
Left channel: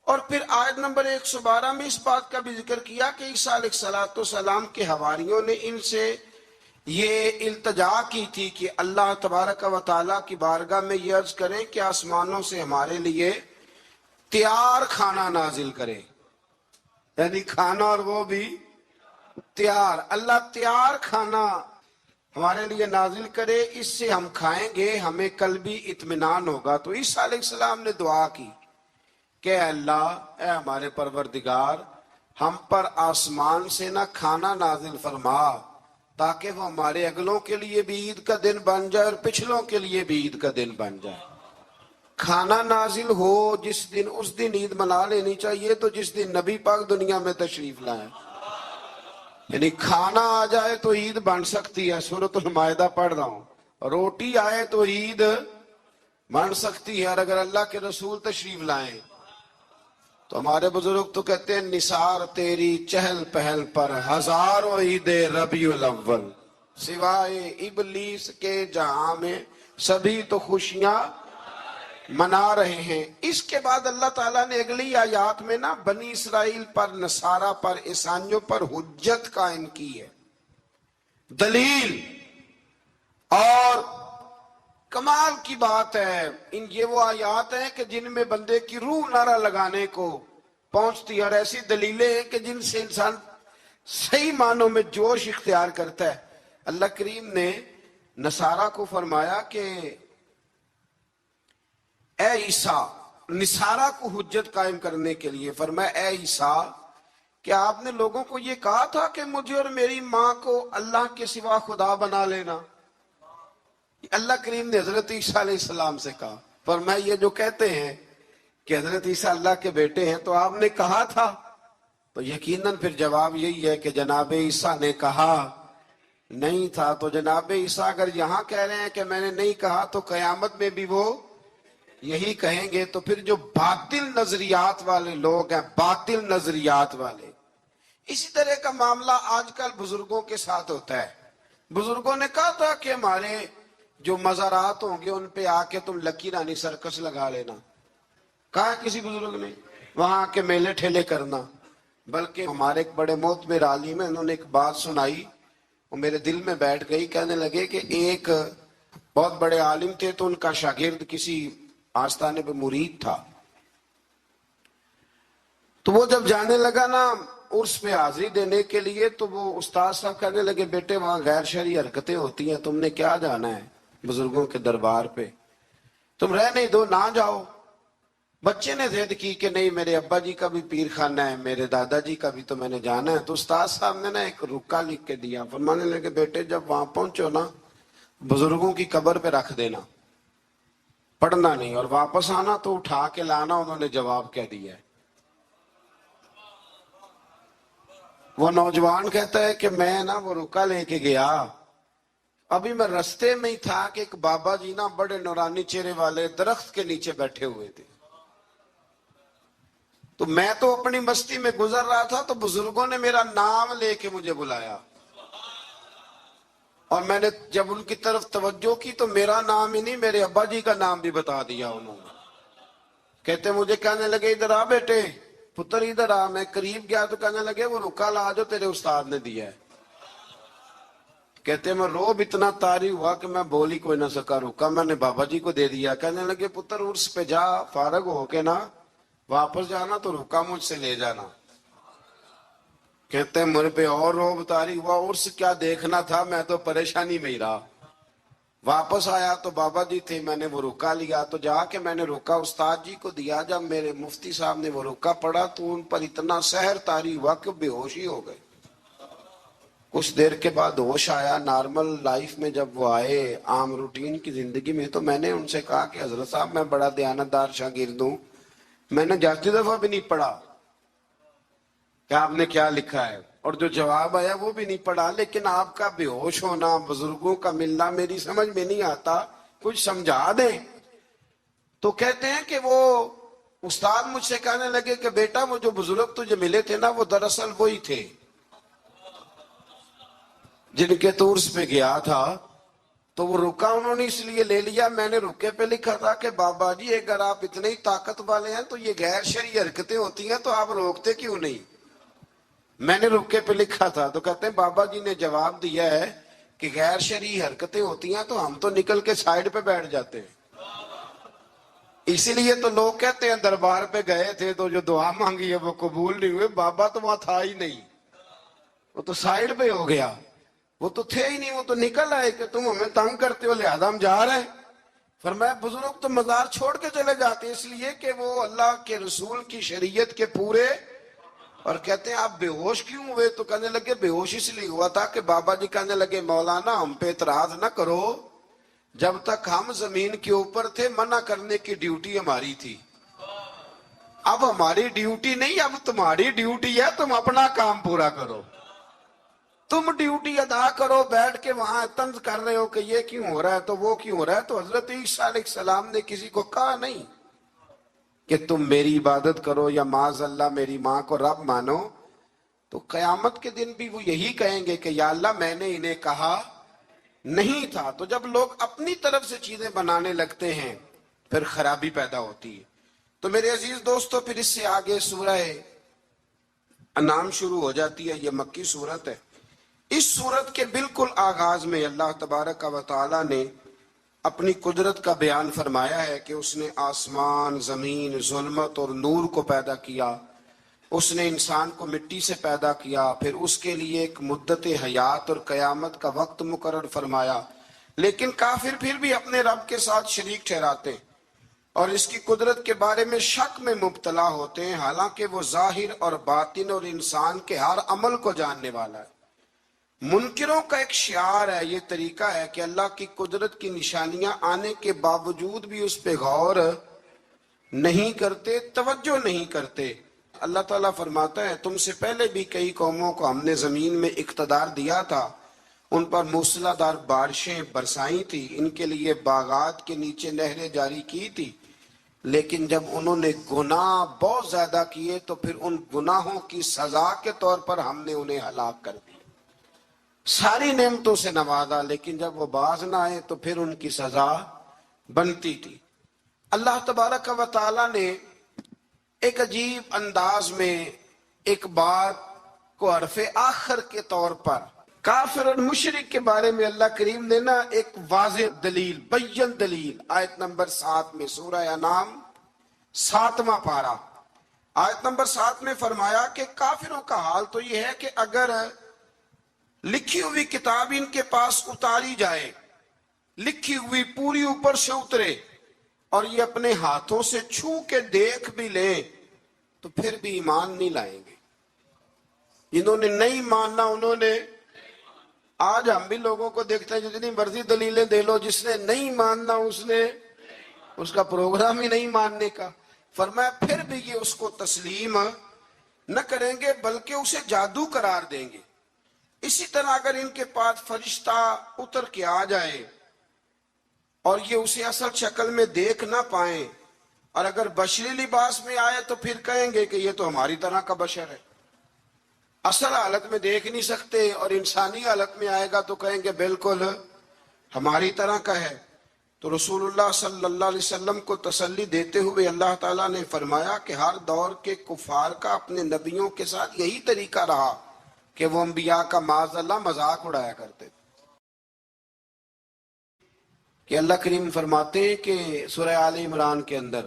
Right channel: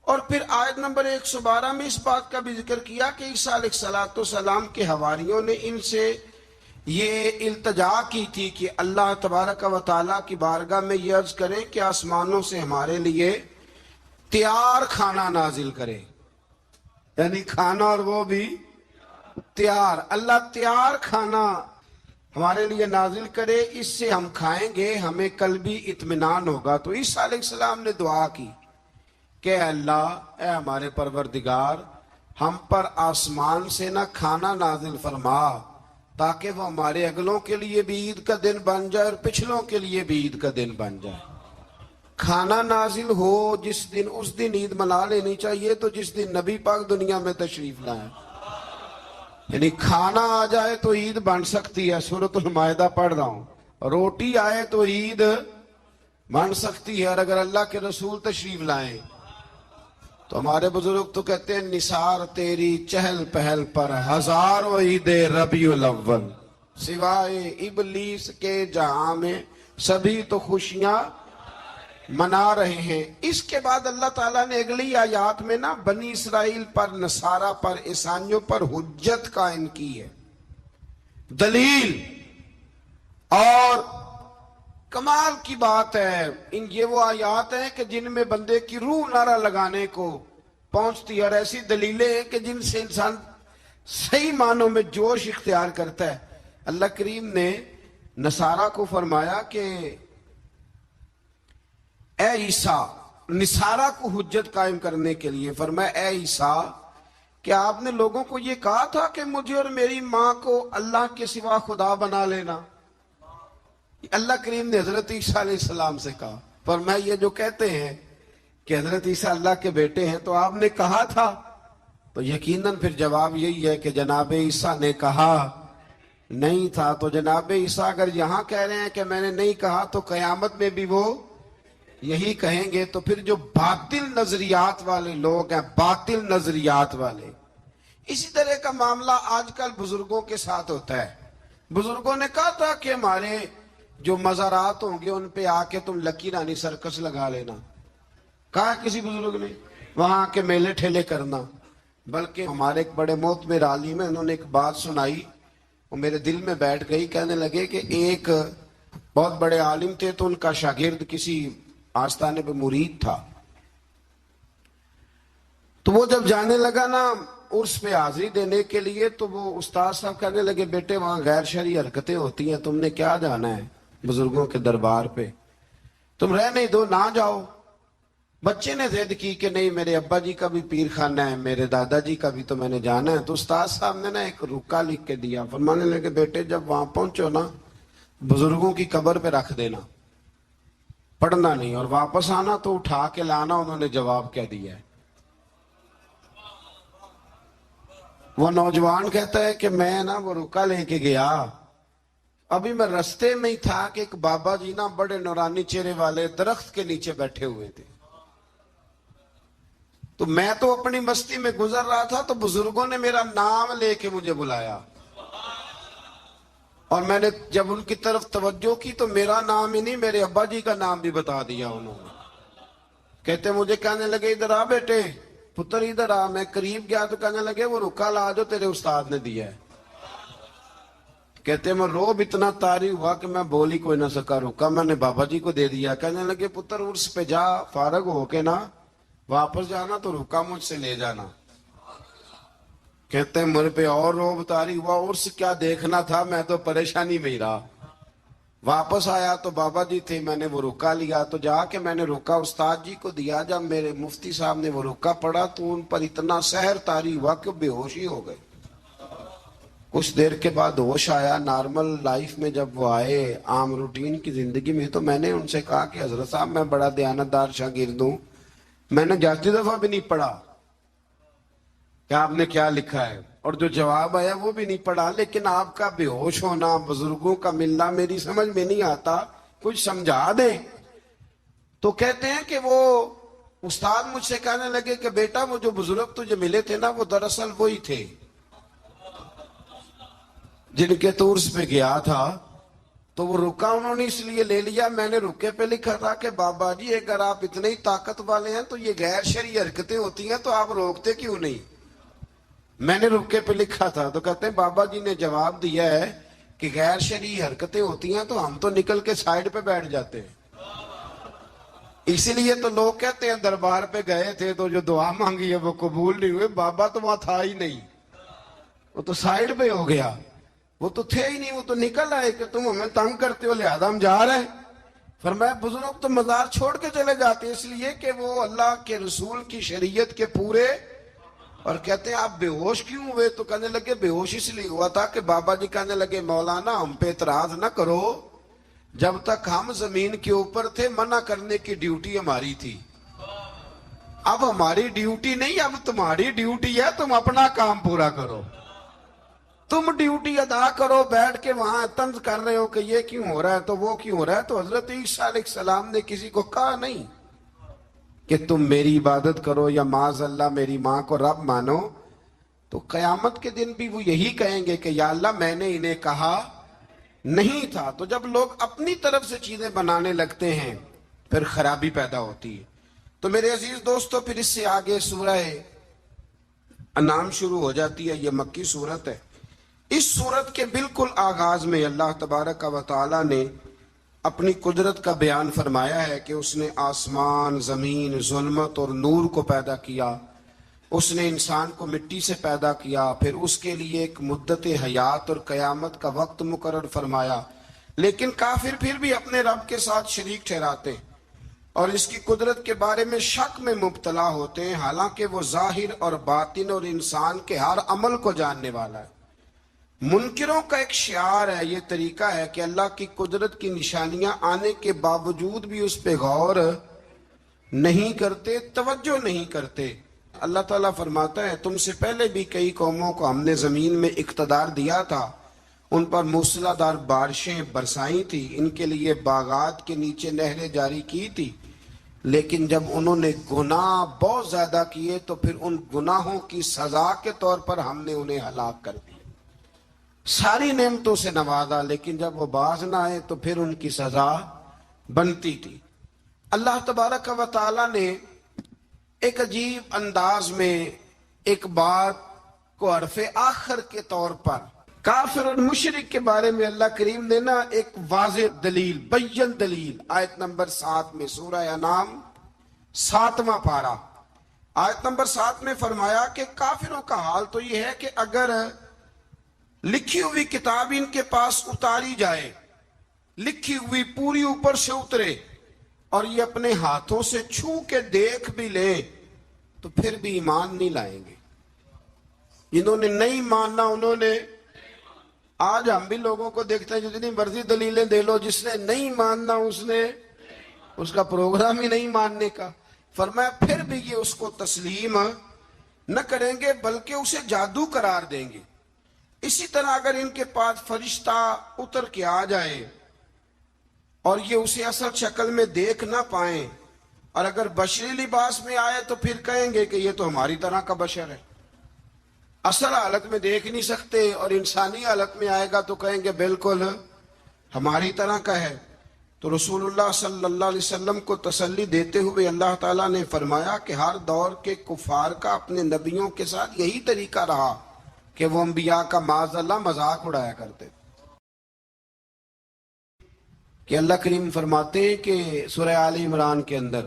اور پھر آیت نمبر 112 میں اس بات کا بھی ذکر کیا کہ عیسیٰ علیہ السلام کے حواریوں نے ان سے یہ التجا کی تھی کہ اللہ تبارک و تعالیٰ کی بارگاہ میں یہ عرض کریں کہ آسمانوں سے ہمارے لیے تیار کھانا نازل کرے, یعنی کھانا اور وہ بھی تیار. اللہ تیار کھانا ہمارے لیے نازل کرے, اس سے ہم کھائیں گے, ہمیں قلبی اطمینان ہوگا. تو عیسیٰ علیہ السلام نے دعا کی کہ اے اللہ, اے ہمارے پروردگار, ہم پر آسمان سے نہ کھانا نازل فرما تاکہ وہ ہمارے اگلوں کے لیے بھی عید کا دن بن جائے اور پچھلوں کے لیے بھی عید کا دن بن جائے۔ کھانا نازل ہو جس دن، اس دن عید منا لینی چاہیے، تو جس دن نبی پاک دنیا میں تشریف لائیں، یعنی کھانا آ جائے تو عید بن سکتی ہے، سورۃ المائدہ پڑھ رہا ہوں، روٹی آئے تو عید بن سکتی ہے، اور اگر اللہ کے رسول تشریف لائیں تو ہمارے بزرگ تو کہتے ہیں نثار تیری چہل پہل پر ہزاروں عید ربیع الاول، سوائے ابلیس کے جہاں میں سبھی تو خوشیاں منا رہے ہیں۔ اس کے بعد اللہ تعالیٰ نے اگلی آیات میں نا بنی اسرائیل پر، نصارہ پر، عیسائیوں پر حجت قائم کی ہے، دلیل، اور کمال کی بات ہے، یہ وہ آیات ہیں کہ جن میں بندے کی روح نعرہ لگانے کو پہنچتی ہے، اور ایسی دلیلیں ہیں کہ جن سے انسان صحیح معنوں میں جوش اختیار کرتا ہے۔ اللہ کریم نے نصارہ کو فرمایا کہ اے عیسیٰ، نصارہ کو حجت قائم کرنے کے لیے فرمایا اے عیسیٰ، کیا آپ نے لوگوں کو یہ کہا تھا کہ مجھے اور میری ماں کو اللہ کے سوا خدا بنا لینا؟ اللہ کریم نے حضرت عیسیٰ علیہ السلام سے کہا، فرمایا یہ جو کہتے ہیں کہ حضرت عیسیٰ اللہ کے بیٹے ہیں، تو آپ نے کہا تھا؟ تو یقیناً پھر جواب یہی ہے کہ جناب عیسیٰ نے کہا نہیں تھا۔ تو جناب عیسیٰ اگر یہاں کہہ رہے ہیں کہ میں نے نہیں کہا، تو قیامت میں بھی وہ یہی کہیں گے۔ تو پھر جو باطل نظریات والے لوگ ہیں، باطل نظریات والے، اسی طرح کا معاملہ آج کل بزرگوں کے ساتھ ہوتا ہے۔ بزرگوں نے کہا تھا کہ ہمارے جو مزارات ہوں گے ان پہ آ کے تم لکی رانی سرکس لگا لینا، کہا کسی بزرگ نے، وہاں کے میلے ٹھیلے کرنا۔ بلکہ ہمارے ایک بڑے معتبر عالم ہیں، انہوں نے ایک بات سنائی، وہ میرے دل میں بیٹھ گئی۔ کہنے لگے کہ ایک بہت بڑے عالم تھے، تو ان کا شاگرد کسی آستانے پہ مرید تھا، تو وہ جب جانے لگا نا عرس پہ حاضری دینے کے لیے، تو وہ استاد صاحب کہنے لگے بیٹے وہاں غیر شرعی حرکتیں ہوتی ہیں، تم نے کیا جانا ہے بزرگوں کے دربار پہ، تم رہنے دو، نہ جاؤ۔ بچے نے ضد کی کہ نہیں، میرے ابا جی کا بھی پیر خانہ ہے، میرے دادا جی کا بھی، تو میں نے جانا ہے۔ تو استاد صاحب نے نا ایک رکا لکھ کے دیا، فرمانے لگے بیٹے جب وہاں پہنچو نا، بزرگوں کی قبر پہ رکھ دینا، پڑھنا نہیں، اور واپس آنا تو اٹھا کے لانا۔ انہوں نے جواب کہہ دیا ہے۔ وہ نوجوان کہتا ہے کہ میں نا وہ رکا لے کے گیا، ابھی میں رستے میں ہی تھا کہ ایک بابا جی نا بڑے نورانی چہرے والے درخت کے نیچے بیٹھے ہوئے تھے، تو میں تو اپنی مستی میں گزر رہا تھا، تو بزرگوں نے میرا نام لے کے مجھے بلایا، اور میں نے جب ان کی طرف توجہ کی تو میرا نام ہی نہیں، میرے ابا جی کا نام بھی بتا دیا انہوں نے۔ کہتے مجھے کہنے لگے ادھر آ بیٹے، پتر ادھر آ۔ میں قریب گیا تو کہنے لگے وہ رکا لا جو تیرے استاد نے دیا ہے۔ کہتے میں روب اتنا طاری ہوا کہ میں بول ہی کوئی نہ سکا، رکا میں نے بابا جی کو دے دیا۔ کہنے لگے پتر عرس پہ جا، فارغ ہو کے نا واپس جانا تو رکا مجھ سے لے جانا۔ کہتے ہیں میرے پہ اور روب طاری ہوا، عرس کیا دیکھنا تھا، میں تو پریشانی میں ہی رہا۔ واپس آیا تو بابا جی تھے، میں نے وہ رکا لیا، تو جا کے میں نے رکا استاد جی کو دیا۔ جب میرے مفتی صاحب نے وہ رکا پڑھا تو ان پر اتنا سحر طاری ہوا کہ بے ہوشی ہو گئے۔ کچھ دیر کے بعد ہوش آیا، نارمل لائف میں جب وہ آئے، عام روٹین کی زندگی میں، تو میں نے ان سے کہا کہ حضرت صاحب میں بڑا دیانتدار شاگرد ہوں، میں نے جاتی دفعہ بھی نہیں پڑھا کہ آپ نے کیا لکھا ہے، اور جو جواب آیا وہ بھی نہیں پڑھا، لیکن آپ کا بے ہوش ہونا، بزرگوں کا ملنا میری سمجھ میں نہیں آتا، کچھ سمجھا دیں۔ تو کہتے ہیں کہ وہ استاد مجھ سے کہنے لگے کہ بیٹا وہ جو بزرگ تجھے ملے تھے نا، وہ دراصل وہی تھے جن کے تو عرس پہ گیا تھا۔ تو وہ رکا انہوں نے اس لیے لے لیا، میں نے رکے پہ لکھا تھا کہ بابا جی اگر آپ اتنے ہی طاقت والے ہیں تو یہ غیر شرعی حرکتیں ہوتی ہیں تو آپ روکتے کیوں نہیں، میں نے رکے پہ لکھا تھا۔ تو کہتے ہیں بابا جی نے جواب دیا ہے کہ غیر شرعی حرکتیں ہوتی ہیں تو ہم تو نکل کے سائیڈ پہ بیٹھ جاتے ہیں۔ اسی لیے تو لوگ کہتے ہیں دربار پہ گئے تھے تو جو دعا مانگی ہے وہ قبول نہیں ہوئے، بابا تو وہاں تھا ہی نہیں، وہ تو سائیڈ پہ ہو گیا، وہ تو تھے ہی نہیں، وہ تو نکل آئے کہ تم ہمیں تنگ کرتے ہو لہذا ہم جا رہے ہیں۔ فرمایا بزرگ تو مزار چھوڑ کے چلے جاتے اس لیے کہ وہ اللہ کے رسول کی شریعت کے پورے اور کہتے ہیں آپ بے ہوش کیوں ہوئے؟ تو کہنے لگے بے ہوش اس لیے ہوا تھا کہ بابا جی کہنے لگے مولانا ہم پہ اعتراض نہ کرو، جب تک ہم زمین کے اوپر تھے منع کرنے کی ڈیوٹی ہماری تھی، اب ہماری ڈیوٹی نہیں، اب تمہاری ڈیوٹی ہے، تم اپنا کام پورا کرو، تم ڈیوٹی ادا کرو۔ بیٹھ کے وہاں طنز کر رہے ہو کہ یہ کیوں ہو رہا ہے تو وہ کیوں ہو رہا ہے، تو حضرت عیسیٰ علیہ السلام نے کسی کو کہا نہیں کہ تم میری عبادت کرو یا معاذ اللہ میری ماں کو رب مانو۔ تو قیامت کے دن بھی وہ یہی کہیں گے کہ یا اللہ میں نے انہیں کہا نہیں تھا۔ تو جب لوگ اپنی طرف سے چیزیں بنانے لگتے ہیں پھر خرابی پیدا ہوتی ہے۔ تو میرے عزیز دوستو، پھر اس سے آگے سورہ انعام شروع ہو جاتی ہے، یہ مکی سورت ہے۔ اس سورت کے بالکل آغاز میں اللہ تبارک و تعالی نے اپنی قدرت کا بیان فرمایا ہے کہ اس نے آسمان، زمین، ظلمت اور نور کو پیدا کیا، اس نے انسان کو مٹی سے پیدا کیا، پھر اس کے لیے ایک مدت حیات اور قیامت کا وقت مقرر فرمایا۔ لیکن کافر پھر بھی اپنے رب کے ساتھ شریک ٹھہراتے ہیں اور اس کی قدرت کے بارے میں شک میں مبتلا ہوتے ہیں، حالانکہ وہ ظاہر اور باطن اور انسان کے ہر عمل کو جاننے والا ہے۔ منکروں کا ایک شعار ہے، یہ طریقہ ہے کہ اللہ کی قدرت کی نشانیاں آنے کے باوجود بھی اس پہ غور نہیں کرتے، توجہ نہیں کرتے۔ اللہ تعالیٰ فرماتا ہے تم سے پہلے بھی کئی قوموں کو ہم نے زمین میں اقتدار دیا تھا، ان پر موسلادھار بارشیں برسائی تھی، ان کے لیے باغات کے نیچے نہریں جاری کی تھی، لیکن جب انہوں نے گناہ بہت زیادہ کیے تو پھر ان گناہوں کی سزا کے طور پر ہم نے انہیں ہلاک کر دیا۔ ساری نعمتوں سے نوازا، لیکن جب وہ باز نہ آئے تو پھر ان کی سزا بنتی تھی۔ اللہ تبارک و تعالی نے ایک عجیب انداز میں ایک بات کو حرف آخر کے طور پر کافر اور مشرک کے بارے میں اللہ کریم نے ایک واضح دلیل، بین دلیل، آیت نمبر 7 میں، سورہ انعام 7واں پارہ، آیت نمبر 7 میں فرمایا کہ کافروں کا حال تو یہ ہے کہ اگر لکھی ہوئی کتاب ان کے پاس اتاری جائے، لکھی ہوئی پوری اوپر سے اترے اور یہ اپنے ہاتھوں سے چھو کے دیکھ بھی لیں تو پھر بھی ایمان نہیں لائیں گے۔ جنہوں نے نہیں ماننا انہوں نے، آج ہم بھی لوگوں کو دیکھتے ہیں جتنی مرضی دلیلیں دے لو، جس نے نہیں ماننا اس کا پروگرام ہی نہیں ماننے کا۔ فرمایا پھر بھی یہ اس کو تسلیم نہ کریں گے بلکہ اسے جادو قرار دیں گے۔ اسی طرح اگر ان کے پاس فرشتہ اتر کے آ جائے اور یہ اسے اصل شکل میں دیکھ نہ پائیں، اور اگر بشری لباس میں آئے تو پھر کہیں گے کہ یہ تو ہماری طرح کا بشر ہے، اصل حالت میں دیکھ نہیں سکتے، اور انسانی حالت میں آئے گا تو کہیں گے بالکل ہماری طرح کا ہے۔ تو رسول اللہ صلی اللہ علیہ وسلم کو تسلی دیتے ہوئے اللہ تعالیٰ نے فرمایا کہ ہر دور کے کفار کا اپنے نبیوں کے ساتھ یہی طریقہ رہا کہ وہ انبیاء کا معاذ اللہ مذاق اڑایا کرتے۔ کہ اللہ کریم فرماتے ہیں کہ سورہ آل عمران کے اندر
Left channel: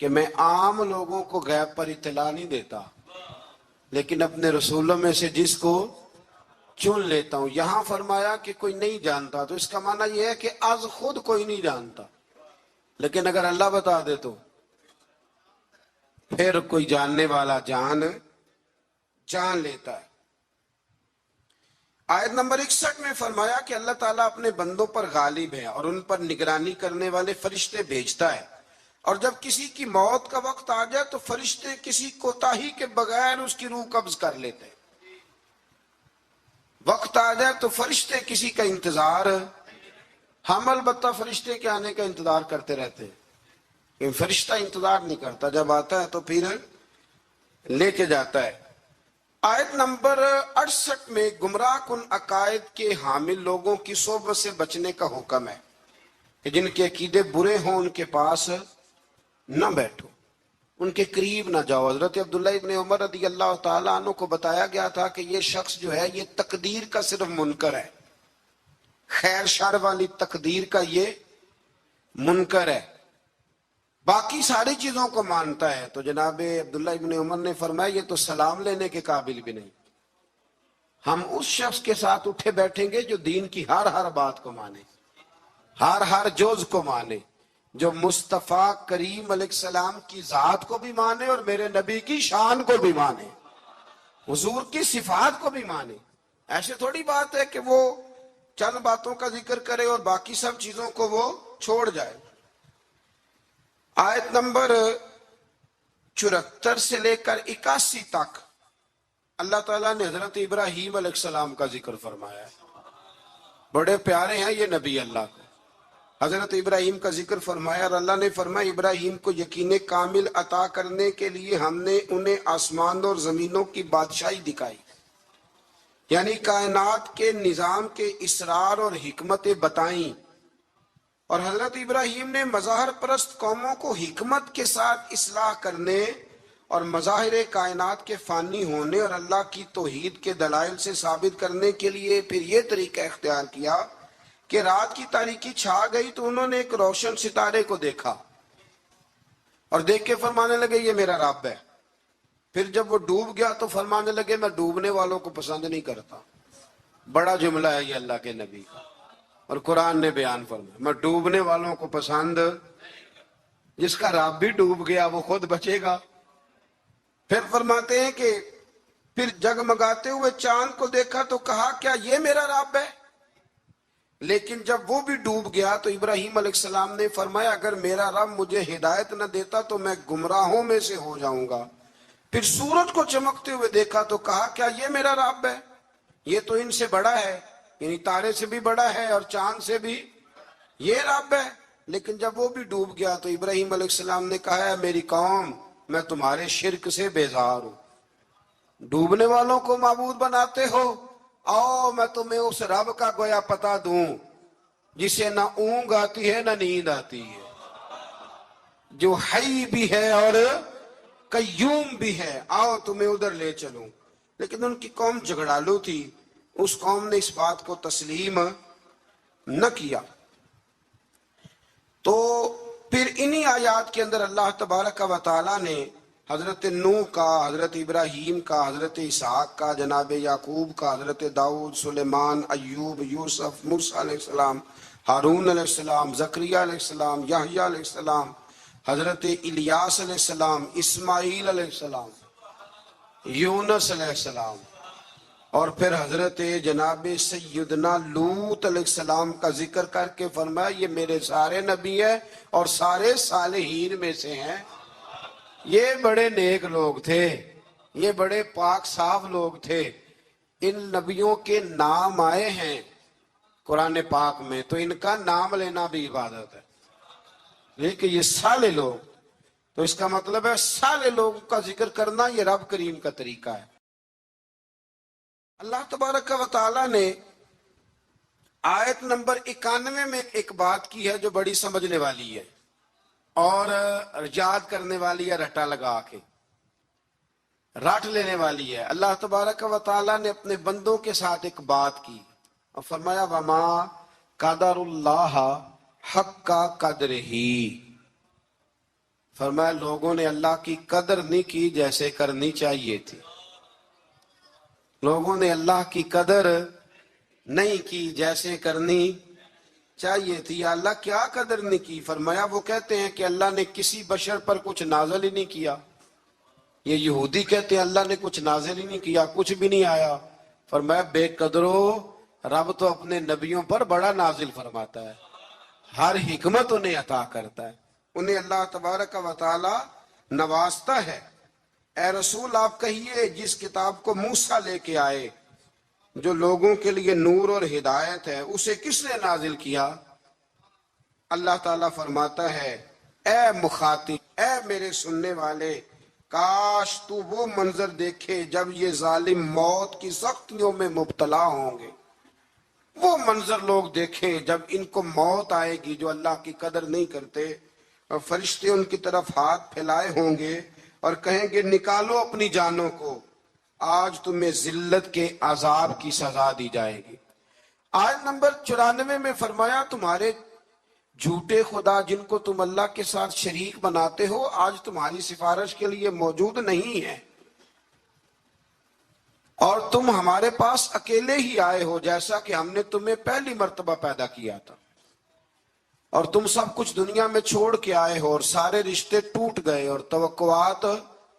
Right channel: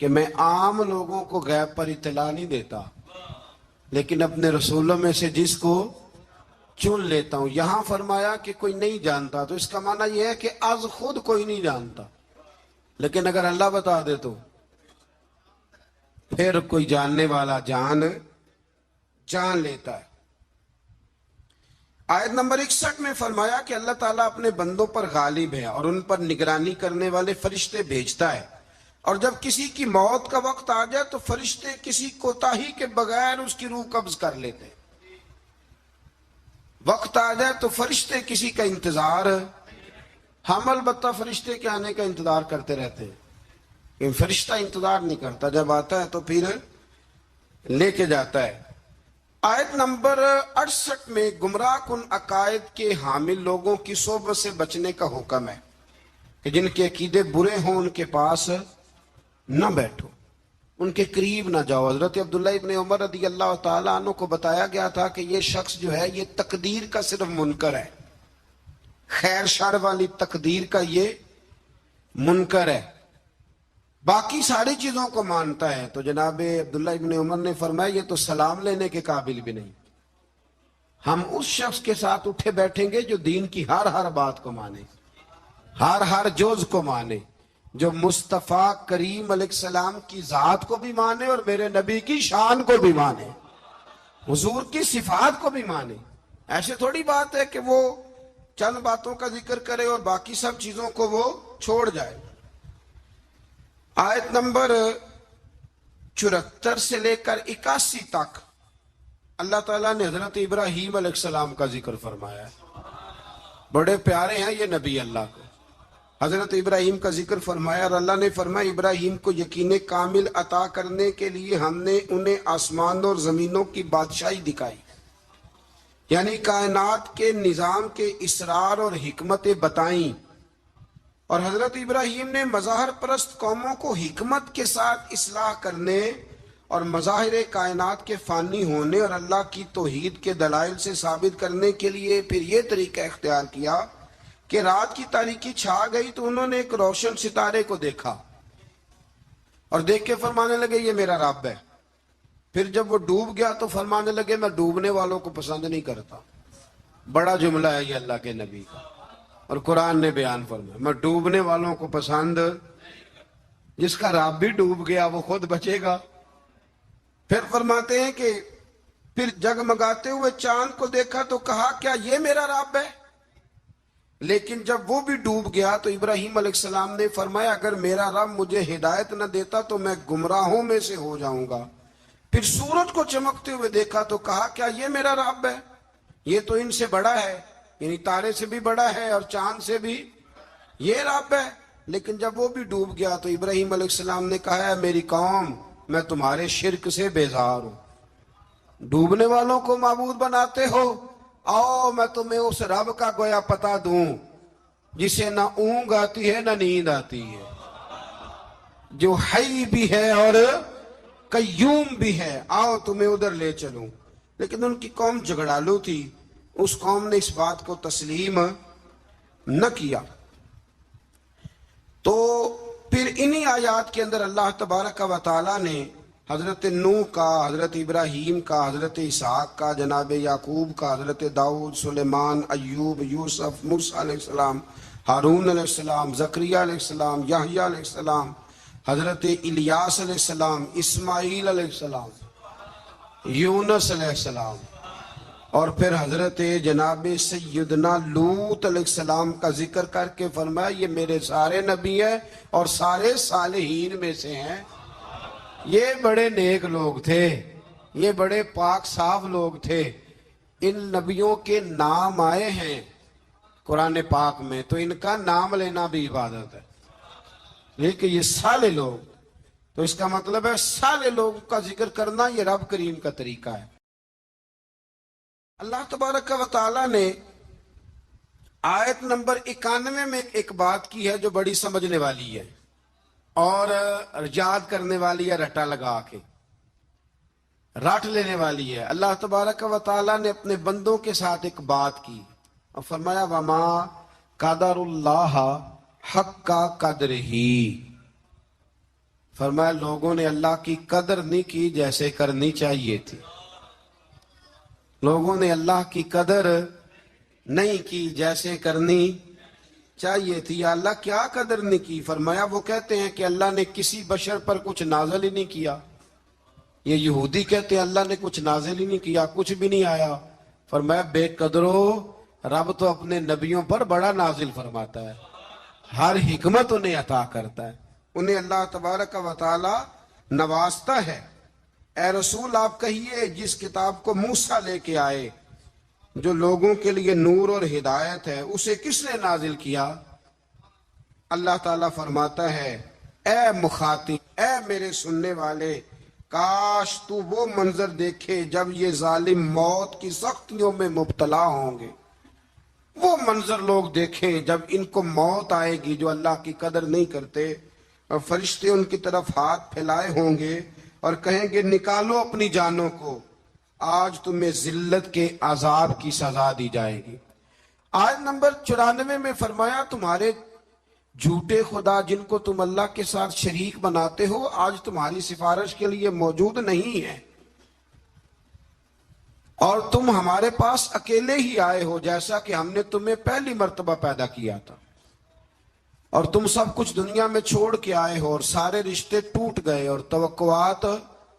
کہ میں عام لوگوں کو غیب پر اطلاع نہیں دیتا، لیکن اپنے رسولوں میں سے جس کو چن لیتا ہوں۔ یہاں فرمایا کہ کوئی نہیں جانتا، تو اس کا معنی یہ ہے کہ از خود کوئی نہیں جانتا، لیکن اگر اللہ بتا دے تو پھر کوئی جاننے والا جان لیتا ہے۔ آیت نمبر 61 میں فرمایا کہ اللہ تعالیٰ اپنے بندوں پر غالب ہے اور ان پر نگرانی کرنے والے فرشتے بھیجتا ہے، اور جب کسی کی موت کا وقت آ جائے تو فرشتے کسی کوتاہی کے بغیر اس کی روح قبض کر لیتے ہیں۔ وقت آ جائے تو فرشتے کسی کا انتظار، ہم البتہ فرشتے کے آنے کا انتظار کرتے رہتے ہیں، لیکن فرشتہ انتظار نہیں کرتا، جب آتا ہے تو پھر لے کے جاتا ہے۔ آیت نمبر 68 میں گمراہ کن عقائد کے حامل لوگوں کی صحبت سے بچنے کا حکم ہے کہ جن کے عقیدے برے ہوں ان کے پاس نہ بیٹھو، ان کے قریب نہ جاؤ۔ حضرت عبداللہ ابن عمر رضی اللہ تعالیٰ عنہ کو بتایا گیا تھا کہ یہ شخص جو ہے یہ تقدیر کا صرف منکر ہے، خیر شر والی تقدیر کا یہ منکر ہے، باقی ساری چیزوں کو مانتا ہے۔ تو جناب عبداللہ ابن عمر نے فرمایا یہ تو سلام لینے کے قابل بھی نہیں۔ ہم اس شخص کے ساتھ اٹھے بیٹھیں گے جو دین کی ہر بات کو مانے، ہر جز کو مانے، جو مصطفیٰ کریم علیہ السلام کی ذات کو بھی مانے اور میرے نبی کی شان کو بھی مانے۔ حضور کی صفات کو بھی مانے. ایسے تھوڑی بات ہے کہ وہ چند باتوں کا ذکر کرے اور باقی سب چیزوں کو وہ چھوڑ جائے. آیت نمبر 74 سے لے کر 81 تک اللہ تعالیٰ نے حضرت ابراہیم علیہ السلام کا ذکر فرمایا. بڑے پیارے ہیں یہ نبی اللہ کو. حضرت ابراہیم کا ذکر فرمایا اور اللہ نے فرمایا ابراہیم کو یقین کامل عطا کرنے کے لیے ہم نے انہیں آسمانوں اور زمینوں کی بادشاہی دکھائی، یعنی کائنات کے نظام کے اسرار اور حکمتیں بتائیں. اور حضرت ابراہیم نے مظاہر پرست قوموں کو حکمت کے ساتھ اصلاح کرنے اور مظاہر کائنات کے فانی ہونے اور اللہ کی توحید کے دلائل سے ثابت کرنے کے لیے پھر یہ طریقہ اختیار کیا کہ رات کی تاریکی چھا گئی تو انہوں نے ایک روشن ستارے کو دیکھا اور دیکھ کے فرمانے لگے یہ میرا رب ہے. پھر جب وہ ڈوب گیا تو فرمانے لگے میں ڈوبنے والوں کو پسند نہیں کرتا. بڑا جملہ ہے یہ اللہ کے نبی کا اور قرآن نے بیان فرمایا میں ڈوبنے والوں کو پسند. جس کا رب بھی ڈوب گیا وہ خود بچے گا. پھر فرماتے ہیں کہ پھر جگمگاتے ہوئے چاند کو دیکھا تو کہا کیا یہ میرا رب ہے. لیکن جب وہ بھی ڈوب گیا تو ابراہیم علیہ السلام نے فرمایا اگر میرا رب مجھے ہدایت نہ دیتا تو میں گمراہوں میں سے ہو جاؤں گا. پھر سورج کو چمکتے ہوئے دیکھا تو کہا کیا یہ میرا رب ہے. یہ تو ان سے بڑا ہے، یعنی تارے سے بھی بڑا ہے اور چاند سے بھی یہ رب ہے. لیکن جب وہ بھی ڈوب گیا تو ابراہیم علیہ السلام نے کہا ہے میری قوم میں تمہارے شرک سے بیزار ہوں. ڈوبنے والوں کو معبود بناتے ہو، آؤ میں تمہیں اس رب کا گویا پتا دوں جسے نہ اونگ آتی ہے نہ نیند آتی ہے، جو حی بھی ہے اور قیوم بھی ہے، آؤ تمہیں ادھر لے چلوں. لیکن ان کی قوم جھگڑالو تھی، اس قوم نے اس بات کو تسلیم نہ کیا. تو پھر انہی آیات کے اندر اللہ تبارک و تعالیٰ نے حضرت نوح کا، حضرت ابراہیم کا، حضرت اسحاق کا، جناب یعقوب کا، حضرت داؤد، سلیمان، ایوب، یوسف، موسیٰ علیہ السلام، ہارون علیہ السلام، زکریہ علیہ السلام، یحییٰ علیہ السلام، حضرت الیاس علیہ السلام، اسماعیل علیہ السلام، یونس علیہ السلام، اور پھر حضرت جناب سیدنا لوط علیہ السلام کا ذکر کر کے فرمایا یہ میرے سارے نبی ہیں اور سارے صالحین میں سے ہیں. یہ بڑے نیک لوگ تھے، یہ بڑے پاک صاف لوگ تھے. ان نبیوں کے نام آئے ہیں قرآن پاک میں تو ان کا نام لینا بھی عبادت ہے. لیکن یہ صالح لوگ، تو اس کا مطلب ہے صالح لوگوں کا ذکر کرنا یہ رب کریم کا طریقہ ہے. اللہ تبارک و تعالیٰ نے آیت نمبر 91 میں ایک بات کی ہے جو بڑی سمجھنے والی ہے اور یاد کرنے والی ہے، رٹا لگا کے رٹ لینے والی ہے. اللہ تبارک و تعالیٰ نے اپنے بندوں کے ساتھ ایک بات کی اور فرمایا وَمَا قَدَرُ اللَّهَ حَقَّ قَدْرِهِ. فرمایا لوگوں نے اللہ کی قدر نہیں کی جیسے کرنی چاہیے تھی. لوگوں نے اللہ کی قدر نہیں کی جیسے کرنی چاہیے تھی. یا اللہ کیا قدر نہیں کی؟ فرمایا وہ کہتے ہیں کہ اللہ نے کسی بشر پر کچھ نازل ہی نہیں کیا. یہ یہودی کہتے ہیں اللہ نے کچھ نازل ہی نہیں کیا، کچھ بھی نہیں آیا. فرمایا بے قدرو، رب تو اپنے نبیوں پر بڑا نازل فرماتا ہے، ہر حکمت انہیں عطا کرتا ہے، انہیں اللہ تبارک و تعالی نوازتا ہے. اے رسول آپ کہیے جس کتاب کو موسیٰ لے کے آئے جو لوگوں کے لیے نور اور ہدایت ہے اسے کس نے نازل کیا؟ اللہ تعالیٰ فرماتا ہے اے مخاطب، اے میرے سننے والے، کاش تو وہ منظر دیکھے جب یہ ظالم موت کی سختیوں میں مبتلا ہوں گے. وہ منظر لوگ دیکھیں جب ان کو موت آئے گی جو اللہ کی قدر نہیں کرتے، اور فرشتے ان کی طرف ہاتھ پھیلائے ہوں گے اور کہیں گے نکالو اپنی جانوں کو، آج تمہیں ذلت کے عذاب کی سزا دی جائے گی. آیت نمبر 94 میں فرمایا تمہارے جھوٹے خدا جن کو تم اللہ کے ساتھ شریک بناتے ہو آج تمہاری سفارش کے لیے موجود نہیں ہے، اور تم ہمارے پاس اکیلے ہی آئے ہو جیسا کہ ہم نے تمہیں پہلی مرتبہ پیدا کیا تھا، اور تم سب کچھ دنیا میں چھوڑ کے آئے ہو اور سارے رشتے ٹوٹ گئے اور توقعات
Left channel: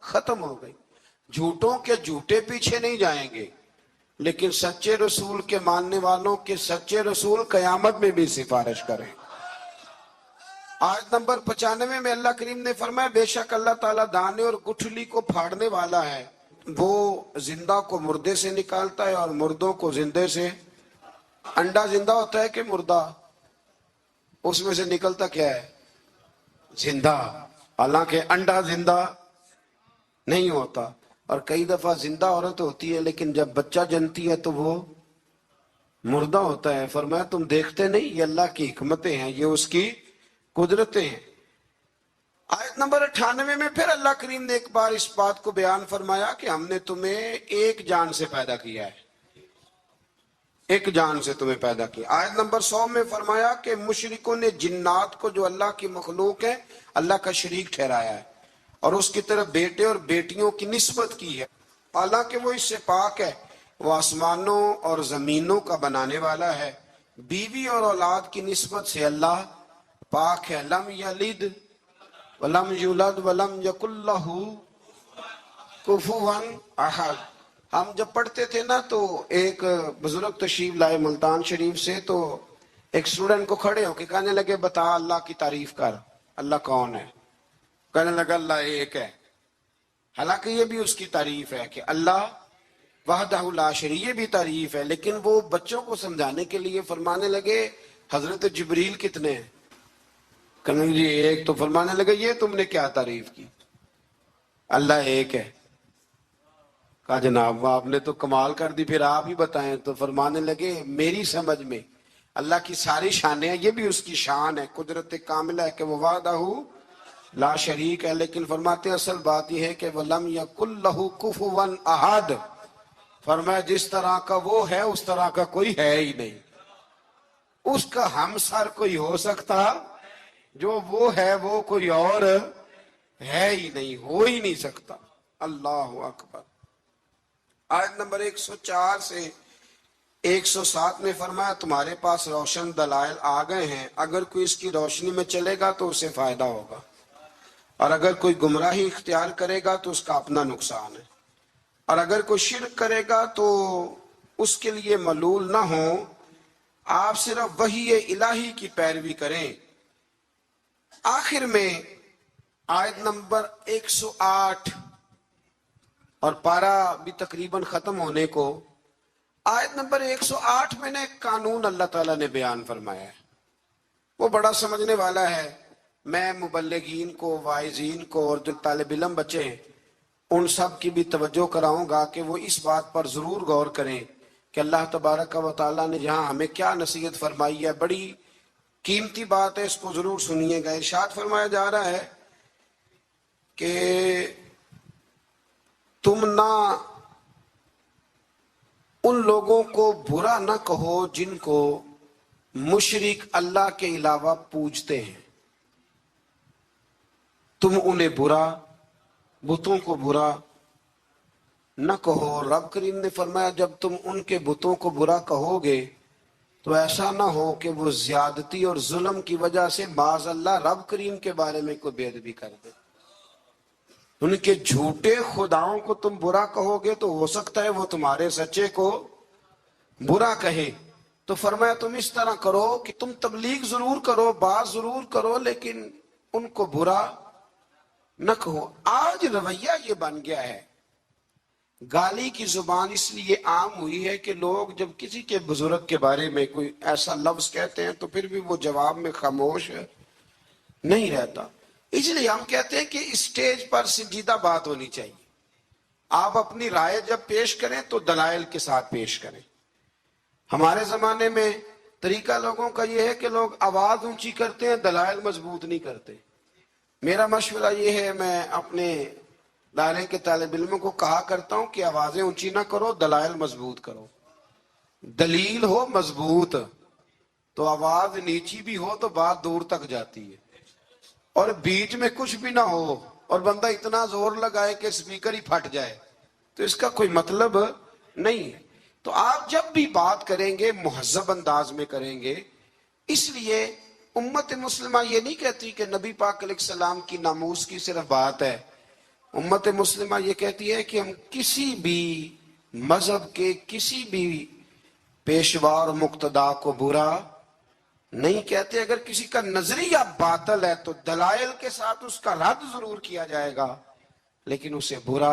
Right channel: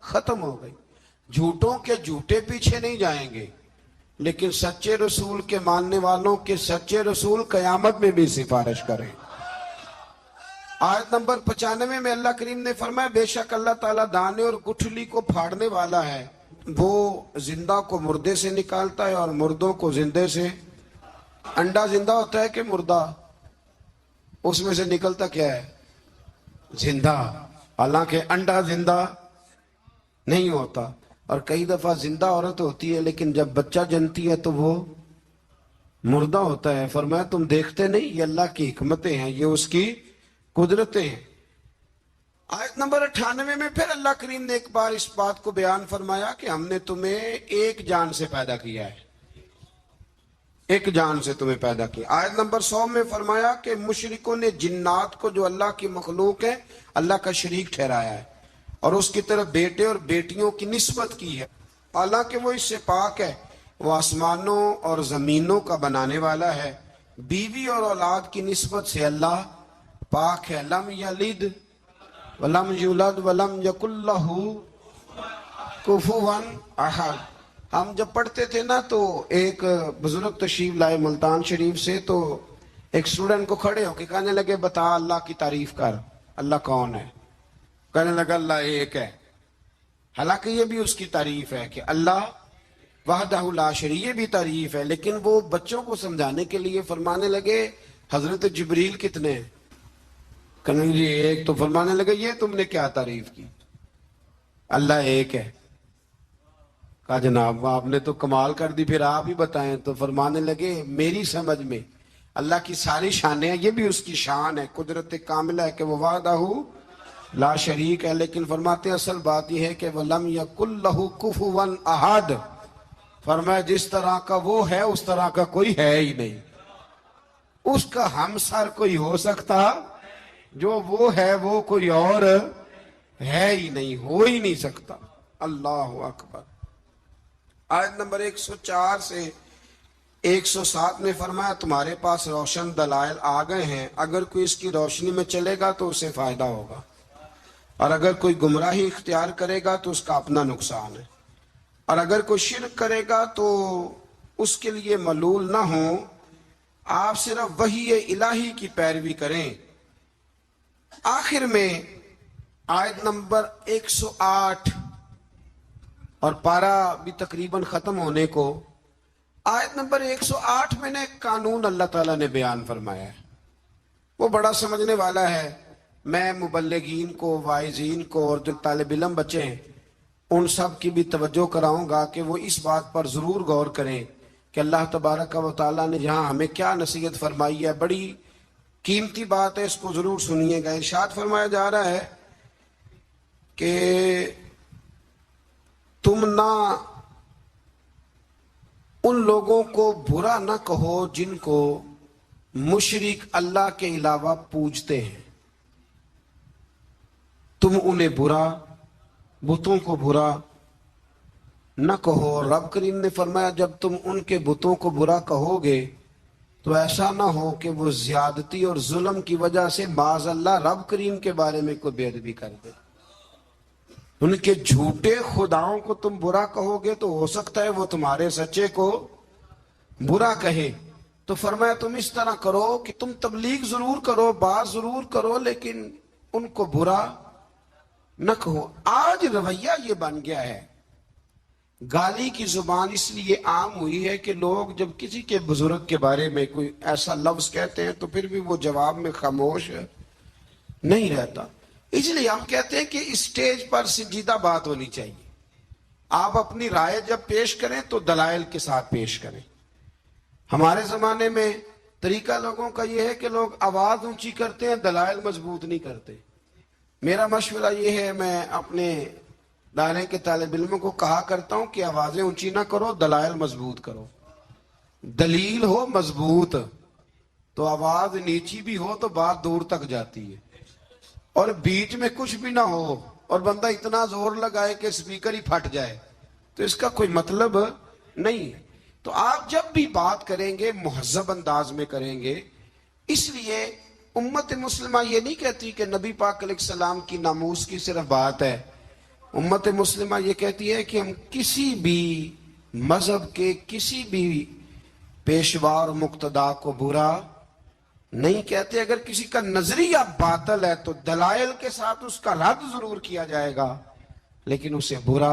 ختم ہو گئی. جھوٹوں کے جھوٹے پیچھے نہیں جائیں گے، لیکن سچے رسول کے ماننے والوں کے سچے رسول قیامت میں بھی سفارش کریں۔ آیت نمبر 95 میں اللہ کریم نے فرمایا بے شک اللہ تعالیٰ دانے اور گٹھلی کو پھاڑنے والا ہے، وہ زندہ کو مردے سے نکالتا ہے اور مردوں کو زندے سے۔ انڈا زندہ ہوتا ہے کہ مردہ؟ اس میں سے نکلتا کیا ہے؟ زندہ، حالانکہ انڈا زندہ نہیں ہوتا۔ اور کئی دفعہ زندہ عورت ہوتی ہے لیکن جب بچہ جنتی ہے تو وہ مردہ ہوتا ہے۔ فرمایا تم دیکھتے نہیں، یہ اللہ کی حکمتیں ہیں، یہ اس کی قدرتیں ہیں۔ آیت نمبر 98 میں پھر اللہ کریم نے ایک بار اس بات کو بیان فرمایا کہ ہم نے تمہیں ایک جان سے پیدا کیا ہے، ایک جان سے تمہیں پیدا کیا۔ آیت نمبر 100 میں فرمایا کہ مشرکوں نے جنات کو جو اللہ کی مخلوق ہے اللہ کا شریک ٹھہرایا ہے اور اس کی طرف بیٹے اور بیٹیوں کی نسبت کی ہے، حالانکہ وہ اس سے پاک ہے، وہ آسمانوں اور زمینوں کا بنانے والا ہے۔ بیوی اور اولاد کی نسبت سے اللہ پاک ہے۔ لم یلد ولم یولد ولم یکن لہ کفوا احد۔ ہم جب پڑھتے تھے نا تو ایک بزرگ تشریف لائے ملتان شریف سے، تو ایک اسٹوڈنٹ کو کھڑے ہو کے کہنے لگے بتا اللہ کی تعریف کر، اللہ کون ہے؟ کہنے لگا اللہ ایک ہے۔ حالانکہ یہ بھی اس کی تعریف ہے کہ اللہ وحدہ لا شریک، یہ بھی تعریف ہے، لیکن وہ بچوں کو سمجھانے کے لیے فرمانے لگے حضرت جبریل کتنے ہیں؟ کہنے لگے ایک۔ تو فرمانے لگے یہ تم نے کیا تعریف کی؟ اللہ ایک ہے۔ کہا جناب آپ نے تو کمال کر دی، پھر آپ ہی بتائیں۔ تو فرمانے لگے میری سمجھ میں اللہ کی ساری شانیں ہیں، یہ بھی اس کی شان ہے، قدرت کاملہ ہے کہ وہ وحدہ لا شریک ہے، لیکن فرماتے ہیں اصل بات یہ ہے کہ وَلَمْ يَكُنْ لَهُ كُفُوًا أَحَدٌ۔ فرمایا جس طرح کا وہ ہے اس طرح کا کوئی ہے ہی نہیں، اس کا ہمسر کوئی ہو سکتا؟ جو وہ ہے وہ کوئی اور ہے ہی نہیں، ہو ہی نہیں سکتا۔ اللہ اکبر۔ آیت نمبر 104 سے 107 میں فرمایا تمہارے پاس روشن دلائل آ گئے ہیں، اگر کوئی اس کی روشنی میں چلے گا تو اسے فائدہ ہوگا، اور اگر کوئی گمراہی اختیار کرے گا تو اس کا اپنا نقصان ہے، اور اگر کوئی شرک کرے گا تو اس کے لیے ملول نہ ہو۔ آپ صرف وحی الہی کی پیروی کریں۔ آخر میں آیت نمبر 108 اور پارہ بھی تقریباً ختم ہونے کو، آیت نمبر 108 میں نے ایک قانون اللہ تعالیٰ نے بیان فرمایا ہے، وہ بڑا سمجھنے والا ہے۔ میں مبلغین کو، واعظین کو اور جو طالب علم بچے ہیں ان سب کی بھی توجہ کراؤں گا کہ وہ اس بات پر ضرور غور کریں کہ اللہ تبارک و تعالیٰ نے یہاں ہمیں کیا نصیحت فرمائی ہے۔ بڑی قیمتی بات ہے، اس کو ضرور سنیے گا۔ ارشاد فرمایا جا رہا ہے کہ تم نہ ان لوگوں کو برا نہ کہو جن کو مشرک اللہ کے علاوہ پوجتے ہیں، تم انہیں برا، بتوں کو برا نہ کہو۔ رب کریم نے فرمایا جب تم ان کے بتوں کو برا کہو گے تو ایسا نہ ہو کہ وہ زیادتی اور ظلم کی وجہ سے باز اللہ رب کریم کے بارے میں کوئی بے ادبی کر دے۔ ان کے جھوٹے خداؤں کو تم برا کہو گے تو ہو سکتا ہے وہ تمہارے سچے کو برا کہے۔ تو فرمایا تم اس طرح کرو کہ تم تبلیغ ضرور کرو، بات ضرور کرو، لیکن ان کو برا نہ کہو۔ آج رویہ یہ بن گیا ہے، گالی کی زبان اس لیے عام ہوئی ہے کہ لوگ جب کسی کے بزرگ کے بارے میں کوئی ایسا لفظ کہتے ہیں تو پھر بھی وہ جواب میں خاموش نہیں رہتا۔ اس لیے ہم کہتے ہیں کہ اسٹیج پر سنجیدہ بات ہونی چاہیے۔ آپ اپنی رائے جب پیش کریں تو دلائل کے ساتھ پیش کریں۔ ہمارے زمانے میں طریقہ لوگوں کا یہ ہے کہ لوگ آواز اونچی کرتے ہیں، دلائل مضبوط نہیں کرتے۔ میرا مشورہ یہ ہے، میں اپنے دائرے کے طالب علموں کو کہا کرتا ہوں کہ آوازیں اونچی نہ کرو، دلائل مضبوط کرو۔ دلیل ہو مضبوط تو آواز نیچی بھی ہو تو بات دور تک جاتی ہے، اور بیچ میں کچھ بھی نہ ہو اور بندہ اتنا زور لگائے کہ سپیکر ہی پھٹ جائے تو اس کا کوئی مطلب نہیں ہے۔ تو آپ جب بھی بات کریں گے مہذب انداز میں کریں گے۔ اس لیے امت مسلمہ یہ نہیں کہتی کہ نبی پاک علیہ السلام کی ناموس کی صرف بات ہے، امت مسلمہ یہ کہتی ہے کہ ہم کسی بھی مذہب کے کسی بھی پیشوا اور مقتدا کو برا نہیں کہتے. اگر کسی کا نظریہ باطل ہے تو دلائل کے ساتھ اس کا رد ضرور کیا جائے گا لیکن اسے برا